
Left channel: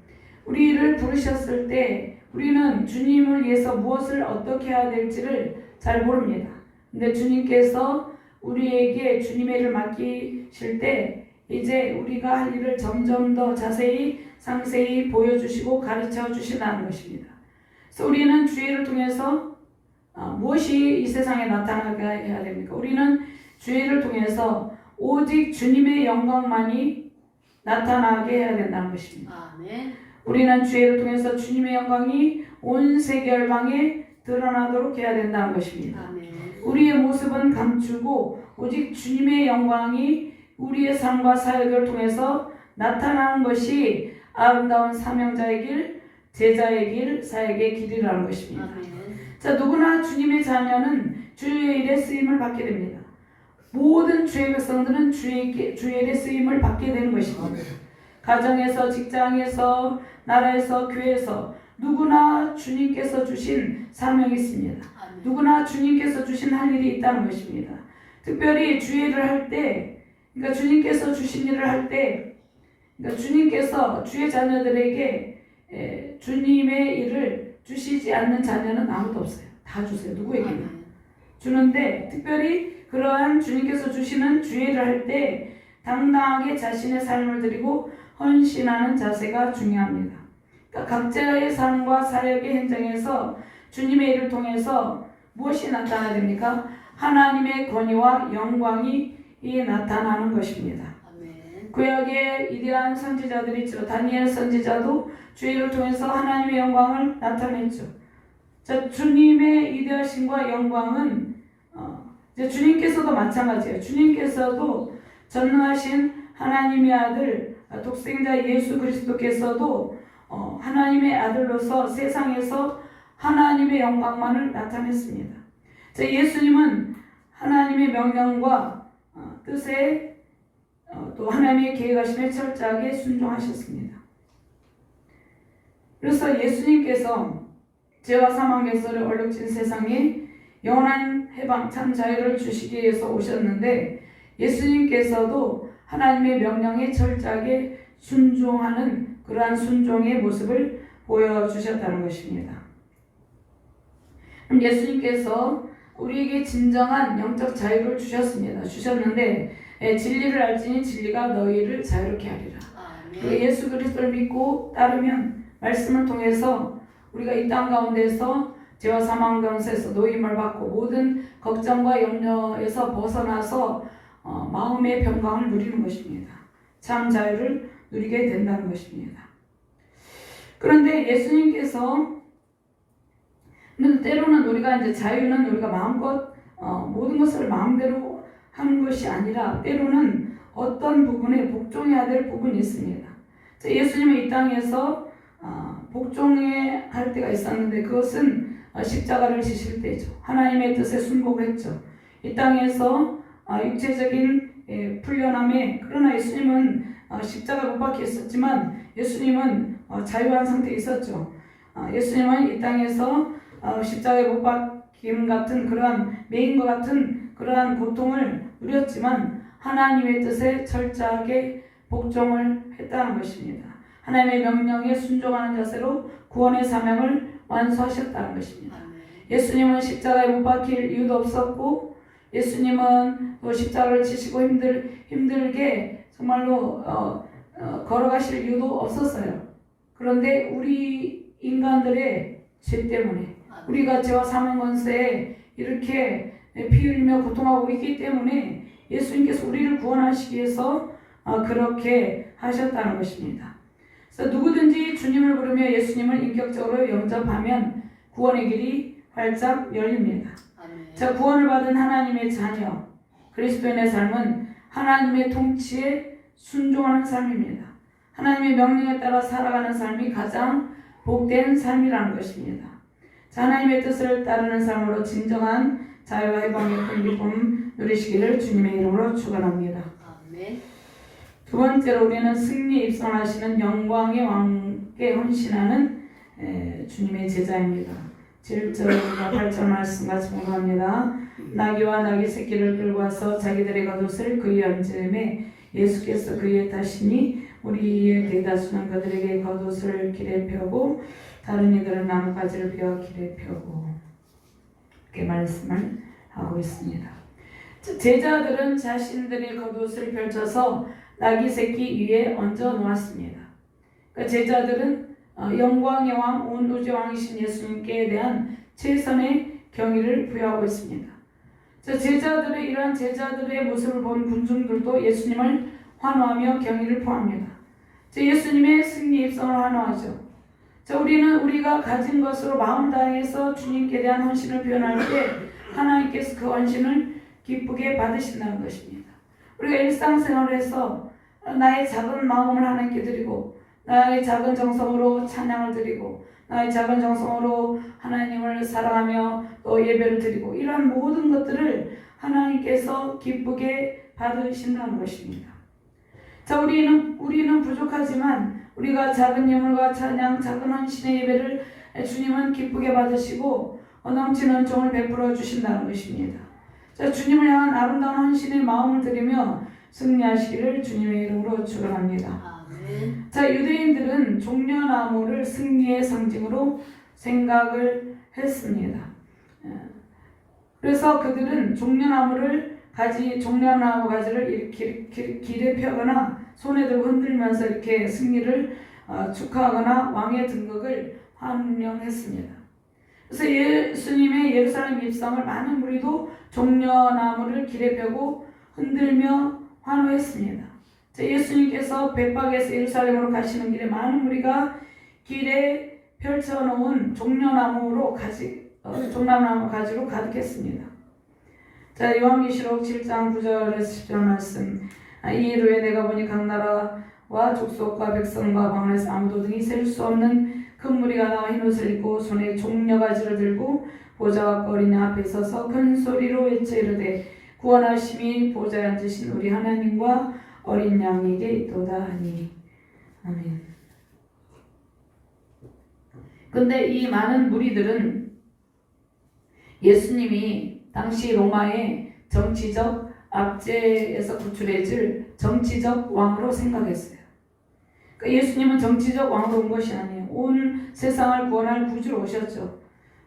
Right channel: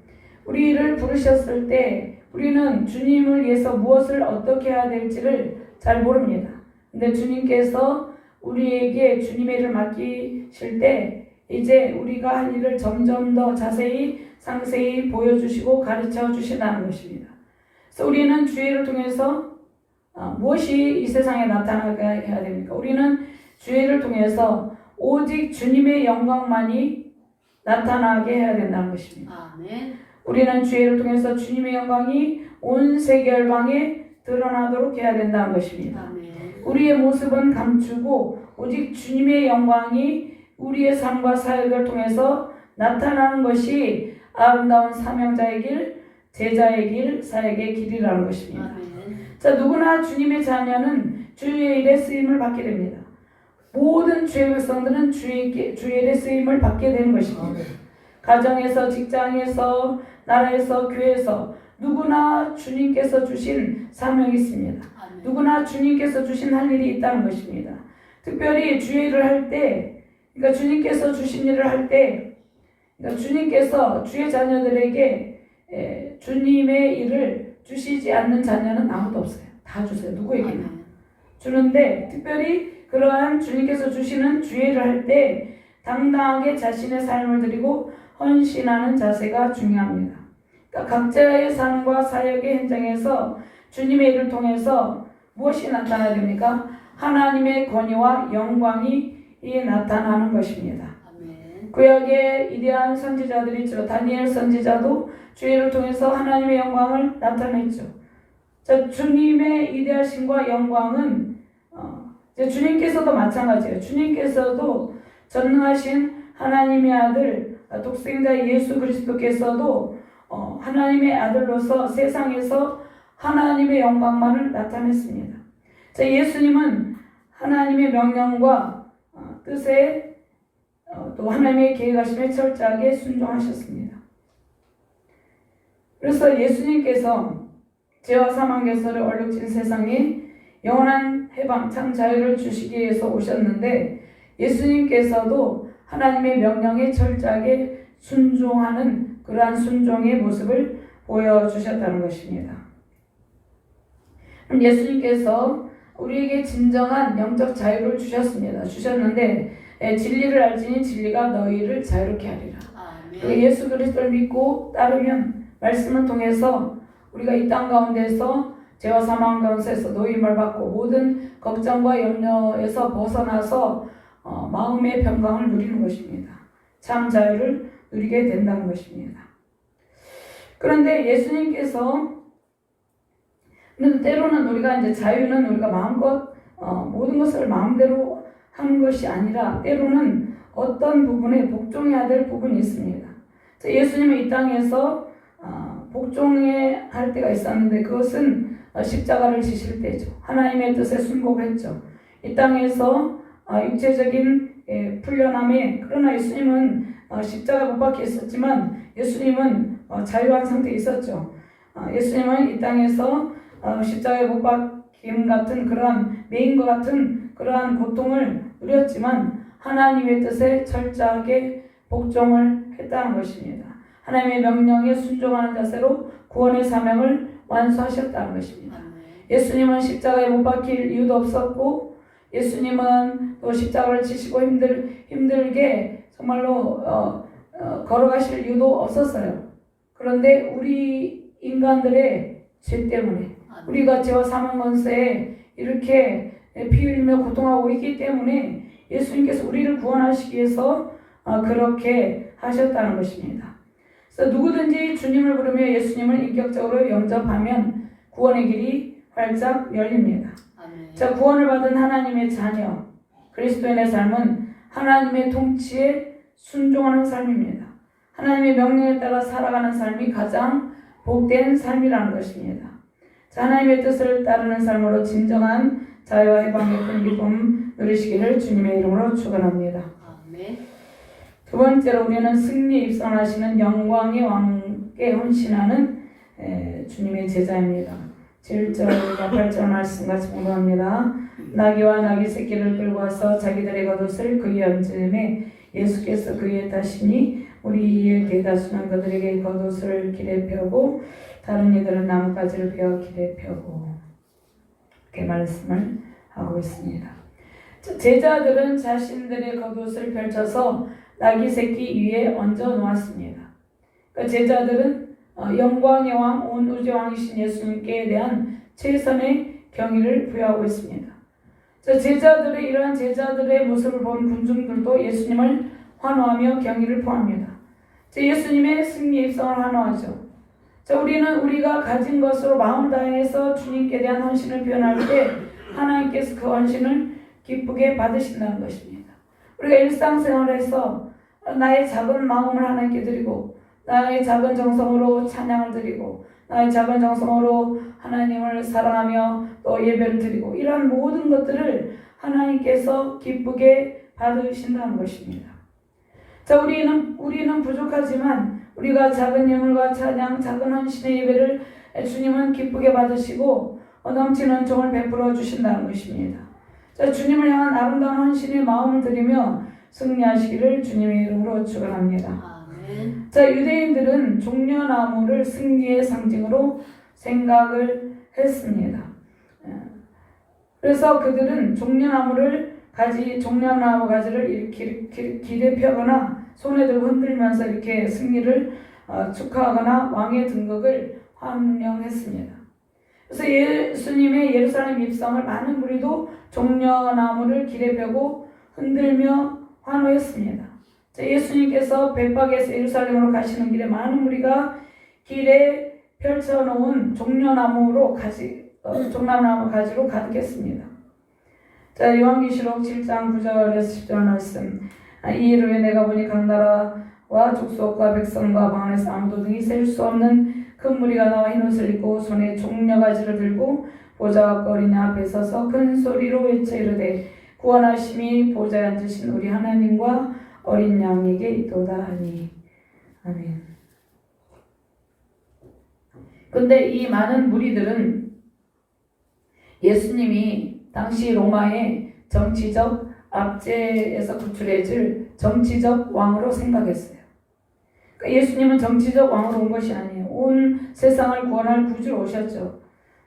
우리를 부르셨을 때 우리는 주님을 위해서 무엇을 어떻게 해야 될지를 잘 모릅니다. 근데 주님께서 우리에게 주님의 일을 맡기실 때 이제 우리가 할 일을 점점 더 자세히 상세히 보여주시고 가르쳐 주신다는 것입니다. 그래서 우리는 주의를 통해서 무엇이 이 세상에 나타나게 해야 됩니까? 우리는 주의를 통해서 오직 주님의 영광만이 나타나게 해야 된다는 것입니다. 아멘. 우리는 주의를 통해서 주님의 영광이 온 세계 열방에 드러나도록 해야 된다는 것입니다. 아멘. 우리의 모습은 감추고 오직 주님의 영광이 우리의 삶과 사역을 통해서 나타나는 것이 아름다운 사명자의 길, 제자의 길, 사역의 길이라는 것입니다. 아멘. 자, 누구나 주님의 자녀는 주의 일에 쓰임을 받게 됩니다. 모든 주의 백성들은 주의 일에 쓰임을 받게 되는 것입니다. 아멘. 가정에서, 직장에서, 나라에서, 교회에서 누구나 주님께서 주신 사명이 있습니다. 아멘. 누구나 주님께서 주신 할 일이 있다는 것입니다. 특별히 주의 일을 할 때, 그러니까 주님께서 주신 일을 할 때, 그러니까 주님께서 주의 자녀들에게 주님의 일을 주시지 않는 자녀는 아무도 없어요. 다 주세요. 누구에게나. 아멘. 주는데 특별히 그러한 주님께서 주시는 주의 일을 할 때 당당하게 자신의 삶을 드리고 헌신하는 자세가 중요합니다. 그러니까 각자의 삶과 사역의 현장에서 주님의 일을 통해서 무엇이 나타나야 됩니까? 하나님의 권위와 영광이 나타나는 것입니다. 아멘. 구약의 위대한 선지자들이 있죠. 다니엘 선지자도 주의 일을 통해서 하나님의 영광을 나타냈죠. 자, 주님의 위대하심과 영광은 이제 주님께서도 마찬가지예요. 주님께서도 전능하신 하나님의 아들 독생자 예수 그리스도께서도 하나님의 아들로서 세상에서 하나님의 영광만을 나타냈습니다. 자, 예수님은 하나님의 명령과 뜻에 또 하나님의 계획하심에 철저하게 순종하셨습니다. 그래서 예수님께서 죄와 사망 결선을 얼룩진 세상에 영원한 해방 참 자유를 주시기 위해서 오셨는데 예수님께서도 하나님의 명령에 철저하게 순종하는 그러한 순종의 모습을 보여주셨다는 것입니다. 예수님께서 우리에게 진정한 영적 자유를 주셨는데 진리를 알지니 진리가 너희를 자유롭게 하리라. 아멘. 예수 그리스도를 믿고 따르면 말씀을 통해서 우리가 이 땅 가운데서 죄와 사망 가운데서 노임을 받고 모든 걱정과 염려에서 벗어나서 마음의 평강을 누리는 것입니다. 참 자유를 누리게 된다는 것입니다. 그런데 예수님께서 때로는 우리가 이제 자유는 우리가 마음껏 모든 것을 마음대로 하는 것이 아니라 때로는 어떤 부분에 복종해야 될 부분이 있습니다. 예수님은 이 땅에서 복종해야 할 때가 있었는데 그것은 십자가를 지실 때죠. 하나님의 뜻에 순복했죠. 이 땅에서 육체적인 풀려남에 그러나 예수님은 십자가 못 박혀 있었지만 예수님은 자유한 상태에 있었죠. 예수님은 이 땅에서 십자가에 못 박히는 같은 그러한 매인과 같은 그러한 고통을 누렸지만 하나님의 뜻에 철저하게 복종을 했다는 것입니다. 하나님의 명령에 순종하는 자세로 구원의 사명을 완수하셨다는 것입니다. 예수님은 십자가에 못 박힐 이유도 없었고 예수님은 또 십자가를 지시고 힘들게 정말로 걸어가실 이유도 없었어요. 그런데 우리 인간들의 죄 때문에 우리가 죄와 사망 권세에 이렇게 피 흘리며 고통하고 있기 때문에 예수님께서 우리를 구원하시기 위해서 그렇게 하셨다는 것입니다. 그래서 누구든지 주님을 부르며 예수님을 인격적으로 영접하면 구원의 길이 활짝 열립니다. 아멘. 자, 구원을 받은 하나님의 자녀 그리스도인의 삶은 하나님의 통치에 순종하는 삶입니다. 하나님의 명령에 따라 살아가는 삶이 가장 복된 삶이라는 것입니다. 자, 하나님의 뜻을 따르는 삶으로 진정한 자유와 해방의 큰 기쁨 누리시기를 주님의 이름으로 축원합니다. 아멘. 두 번째로 우리는 승리에 입성하시는 영광의 왕께 헌신하는 주님의 제자입니다. 7절과 8절 말씀 같이 공부합니다. 나귀와 나귀 새끼를 끌고 와서 자기들의 겉옷을 그의 얹음에 예수께서 그의 타시니 우리의 대다수는 그들에게 겉옷을 길에 펴고 다른 이들은 나뭇가지를 베어 길에 펴고 이렇게 말씀을 하고 있습니다. 제자들은 자신들의 겉옷을 펼쳐서 나귀 새끼 위에 얹어 놓았습니다. 그러니까 제자들은 영광의 왕, 온 우주의 왕이신 예수님께 대한 최선의 경의를 부여하고 있습니다. 제자들의 이러한 제자들의 모습을 본 군중들도 예수님을 환호하며 경의를 표합니다. 예수님의 승리 입성을 환호하죠. 우리는 우리가 가진 것으로 마음 다해서 주님께 대한 헌신을 표현할 때 하나님께서 그 헌신을 기쁘게 받으신다는 것입니다. 우리가 일상생활에서 나의 작은 마음을 하나님께 드리고 나의 작은 정성으로 찬양을 드리고 나의 작은 정성으로 하나님을 사랑하며 또 예배를 드리고 이런 모든 것들을 하나님께서 기쁘게 받으신다는 것입니다. 우리는 부족하지만 우리가 작은 예물과 찬양, 작은 헌신의 예배를 주님은 기쁘게 받으시고 넘치는 종을 베풀어 주신다는 것입니다. 주님을 향한 아름다운 헌신의 마음을 드리며 승리하시기를 주님의 이름으로 축원합니다. 유대인들은 종려나무를 승리의 상징으로 생각을 했습니다. 그래서 그들은 종려나무 가지를 길에 펴거나 손에 들고 흔들면서 이렇게 승리를 축하하거나 왕의 등극을 환영했습니다. 그래서 예수님의 예루살렘 입성을 많은 무리도 종려나무를 길에 펴고 흔들며 환호했습니다. 예수님께서 백박에서 예루살렘으로 가시는 길에 많은 무리가 길에 펼쳐놓은 종려나무 가지로 가득했습니다. 요한계시록 7장 9절에서 10절 말씀. 이 일 후에 내가 보니 각 나라와 족속과 백성과 방언에서 아무도 등이 셀 수 없는 큰 무리가 나와 흰 옷을 입고 손에 종려가지를 들고 보좌와 어린 양 앞에 서서 큰 소리로 외쳐 이르되 구원하심이 보좌에 앉으신 우리 하나님과 어린 양에게 있도다 하니. 아멘. 근데 이 많은 무리들은 예수님이 당시 로마의 정치적 압제에서 구출해질 정치적 왕으로 생각했어요. 그러니까 예수님은 정치적 왕으로 온 것이 아니에요. 온 세상을 구원할 구주로 오셨죠.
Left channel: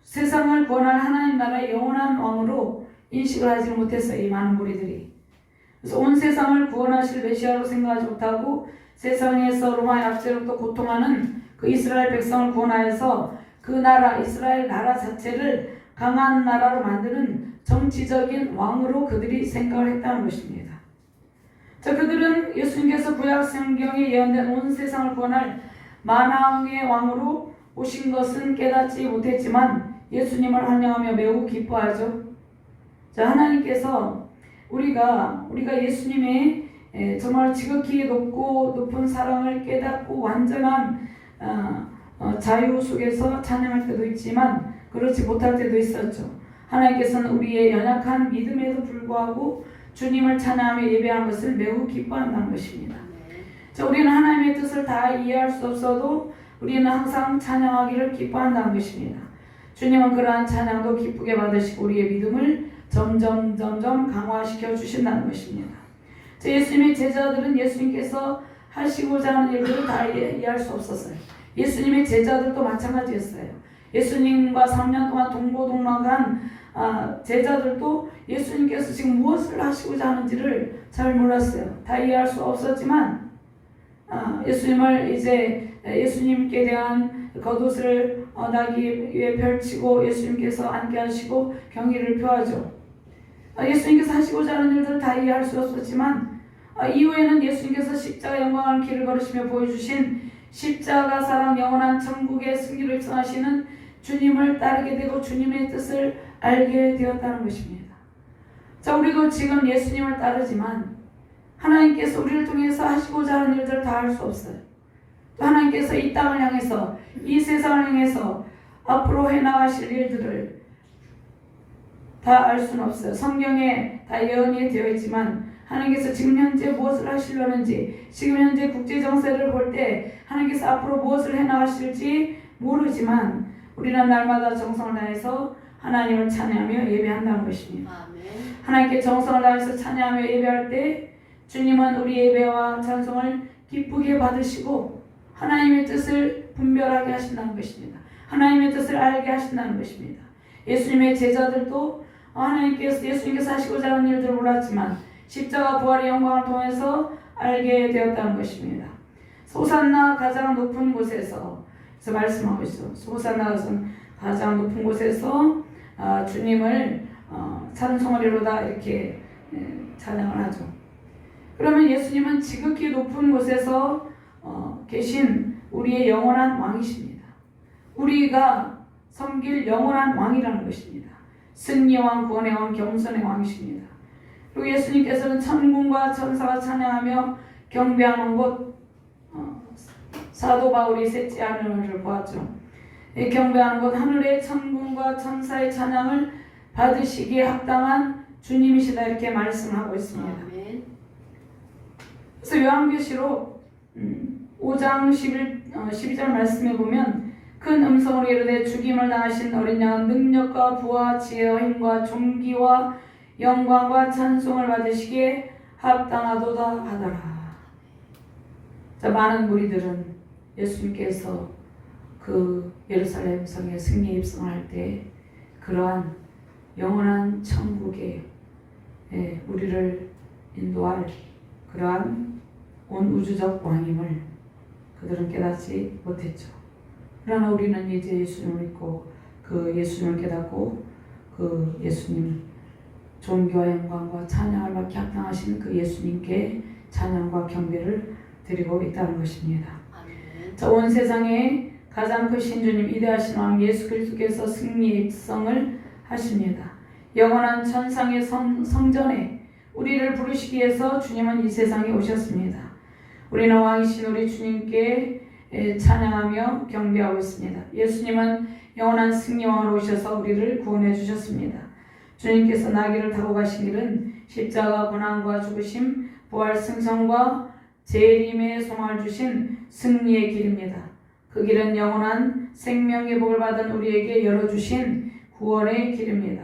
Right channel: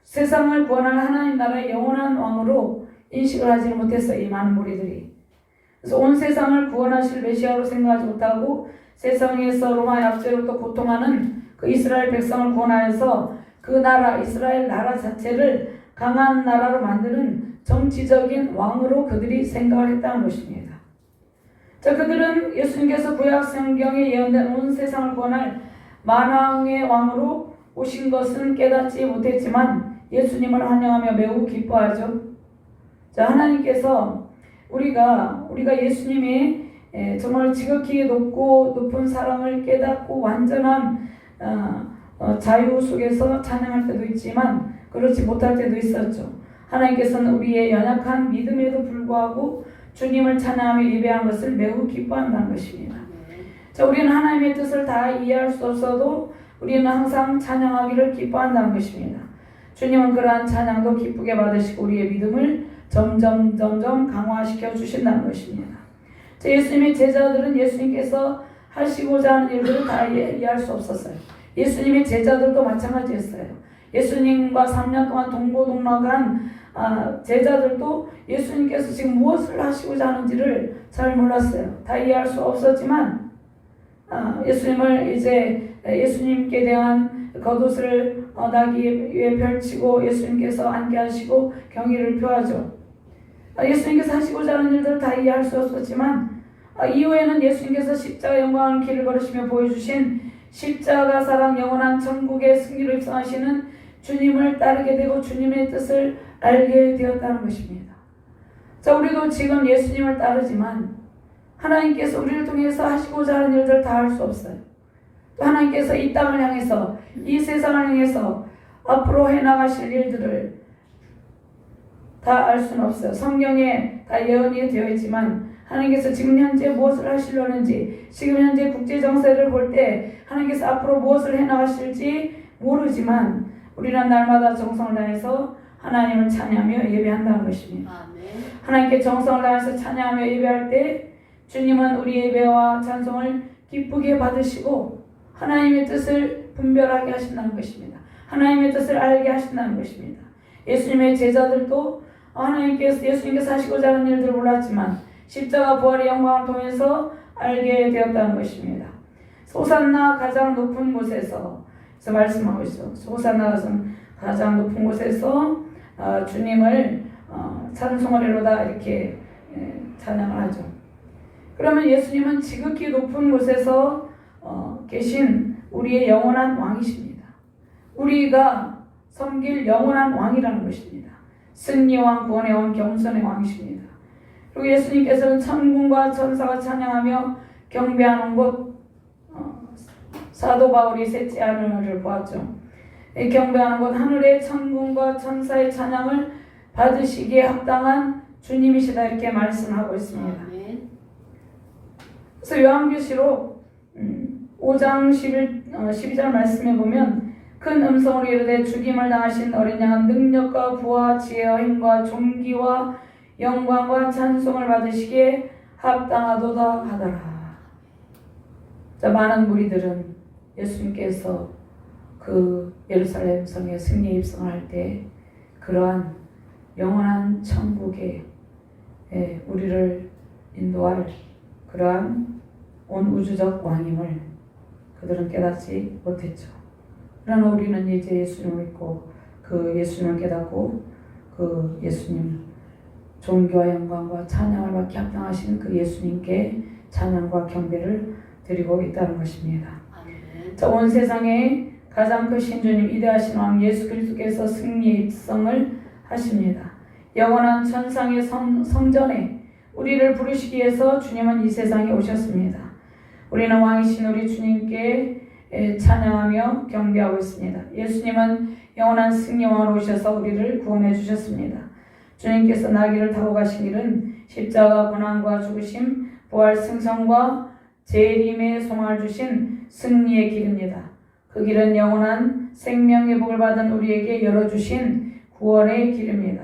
세상을 구원할 하나님 나라의 영원한 왕으로 인식을 하지 못했어요. 이 많은 무리들이. 그래서 온 세상을 구원하실 메시아로 생각하지 못하고 세상에서 로마의 압제로부터 고통하는 그 이스라엘 백성을 구원하여서 그 나라, 이스라엘 나라 자체를 강한 나라로 만드는 정치적인 왕으로 그들이 생각을 했다는 것입니다. 그들은 예수님께서 구약 성경에 예언된 온 세상을 구원할 만왕의 왕으로 오신 것은 깨닫지 못했지만 예수님을 환영하며 매우 기뻐하죠. 하나님께서 우리가 예수님의 정말 지극히 높은 사랑을 깨닫고 완전한 자유 속에서 찬양할 때도 있지만 그렇지 못할 때도 있었죠. 하나님께서는 우리의 연약한 믿음에도 불구하고 주님을 찬양하며 예배하는 것을 매우 기뻐한다는 것입니다. 우리는 하나님의 뜻을 다 이해할 수 없어도 우리는 항상 찬양하기를 기뻐한다는 것입니다. 주님은 그러한 찬양도 기쁘게 받으시고 우리의 믿음을 점점 강화시켜 주신다는 것입니다. 예수님의 제자들은 예수님께서 하시고자 하는 일들을 다 이해할 수 없었어요. 예수님의 제자들도 마찬가지였어요. 예수님과 3년 동안 동고동락한 제자들도 예수님께서 지금 무엇을 하시고자 하는지를 잘 몰랐어요. 다 이해할 수 없었지만 예수님께 대한 겉옷을 나귀 위에 펼치고 예수님께서 앉게 하시고 경의를 표하죠. 예수님께서 하시고자 하는 일들을 다 이해할 수 없었지만 이후에는 예수님께서 십자가 영광을 길을 걸으시며 보여주신 십자가 사랑 영원한 천국의 승리를 입성하시는 주님을 따르게 되고 주님의 뜻을 알게 되었다는 것입니다. 우리도 지금 예수님을 따르지만 하나님께서 우리를 통해서 하시고자 하는 일들을 다 할 수 없어요. 또 하나님께서 이 땅을 향해서 이 세상을 향해서 앞으로 해나가실 일들을 다 알 수는 없어요. 성경에 다 예언이 되어 있지만 하나님께서 지금 현재 무엇을 하시려는지 지금 현재 국제 정세를 볼 때 하나님께서 앞으로 무엇을 해나가실지 모르지만 우리는 날마다 정성을 다해서 하나님을 찬양하며 예배한다는 것입니다. 아멘. 하나님께 정성을 다해서 찬양하며 예배할 때 주님은 우리 예배와 찬송을 기쁘게 받으시고 하나님의 뜻을 분별하게 하신다는 것입니다. 하나님의 뜻을 알게 하신다는 것입니다. 예수님의 제자들도 예수님께서 하시고자 하는 일들을 몰랐지만 십자가 부활의 영광을 통해서 알게 되었다는 것입니다. 소산나 가장 높은 곳에서 말씀하고 있어. 소산나 가장 높은 곳에서 주님을 찬송하리로다 이렇게 찬양을 하죠. 그러면 예수님은 지극히 높은 곳에서 계신 우리의 영원한 왕이십니다. 우리가 섬길 영원한 왕이라는 것입니다. 승리의 왕, 구원의 왕, 겸손의 왕이십니다. 그리고 예수님께서는 천군과 천사가 찬양하며 경배하는 곳, 사도 바울이 셋째 하늘을 보았죠. 이 경배하는 곳 하늘의 천군과 천사의 찬양을 받으시기에 합당한 주님이시다 이렇게 말씀하고 있습니다. 아멘. 그래서 요한계시록 5장 12절 말씀에 보면 큰 음성으로 이르되 죽임을 당하신 어린 양은 능력과 부와 지혜와 힘과 존귀와 영광과 찬송을 받으시기에 합당하도다 하더라. 자, 많은 무리들은 예수님께서 그 예루살렘 성에 승리 입성할 때 그러한 영원한 천국에 우리를 인도할 그러한 온 우주적 왕임을 그들은 깨닫지 못했죠. 그러나 우리는 이제 예수님을 믿고 그 예수님을 깨닫고 그 예수님 존귀와 영광과 찬양을 받기 합당하신 그 예수님께 찬양과 경배를 드리고 있다는 것입니다. 아멘. 자, 온 세상에 가장 크신 주님 위대하신 왕 예수 그리스도께서 승리의 입성을 하십니다. 영원한 천상의 성전에 우리를 부르시기 위해서 주님은 이 세상에 오셨습니다. 우리는 왕이신 우리 주님께 찬양하며 경배하고 있습니다. 예수님은 영원한 승리왕으로 오셔서 우리를 구원해 주셨습니다. 주님께서 나귀를 타고 가신 길은 십자가 고난과 죽으심, 부활 승성과 재림의 소망을 주신 승리의 길입니다. 그 길은 영원한 생명의 복을 받은 우리에게 열어주신 구원의 길입니다.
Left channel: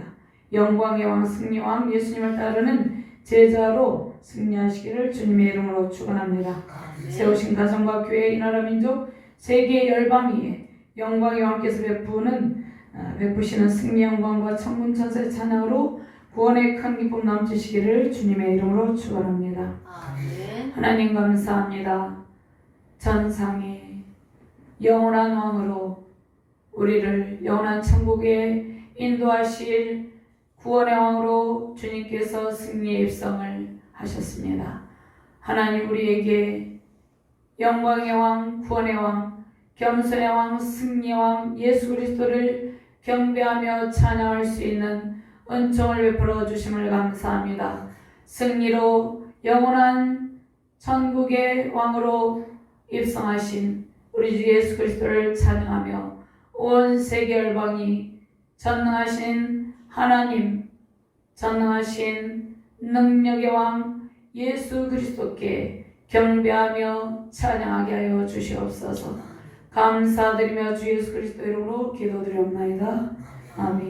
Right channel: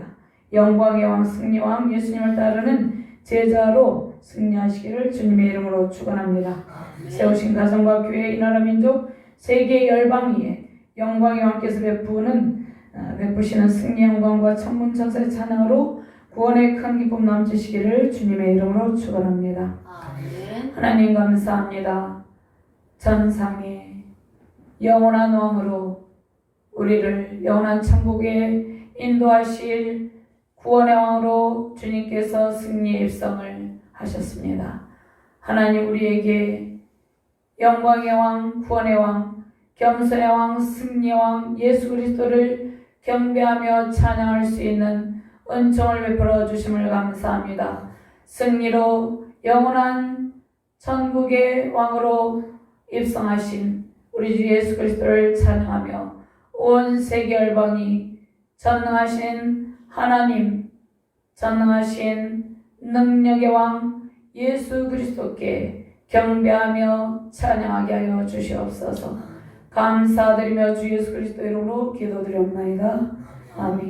영광의 왕 승리왕 예수님을 따르는 제자로 승리하시기를 주님의 이름으로 축원합니다. 세우신 가정과 교회, 이 나라 민족, 세계 열방 위에 영광의 왕께서 베푸시는 승리 영광과 천군 천사의 찬양으로 구원의 큰 기쁨 넘치시기를 주님의 이름으로 축원합니다. 아멘. 하나님 감사합니다. 전상의 영원한 왕으로 우리를 영원한 천국에 인도하실 구원의 왕으로 주님께서 승리의 입성을 하셨습니다. 하나님 우리에게 영광의 왕, 구원의 왕, 겸손의 왕, 승리의 왕 예수 그리스도를 경배하며 찬양할 수 있는 은총을 베풀어 주심을 감사합니다. 승리로 영원한 천국의 왕으로 입성하신 우리 주 예수 그리스도를 찬양하며 온 세계 열방이 전능하신 하나님, 전능하신 능력의 왕 예수 그리스도께 경배하며 찬양하게 하여 주시옵소서. 감사드리며 주 예수 그리스도 이름으로 기도드리옵나이다. 아멘.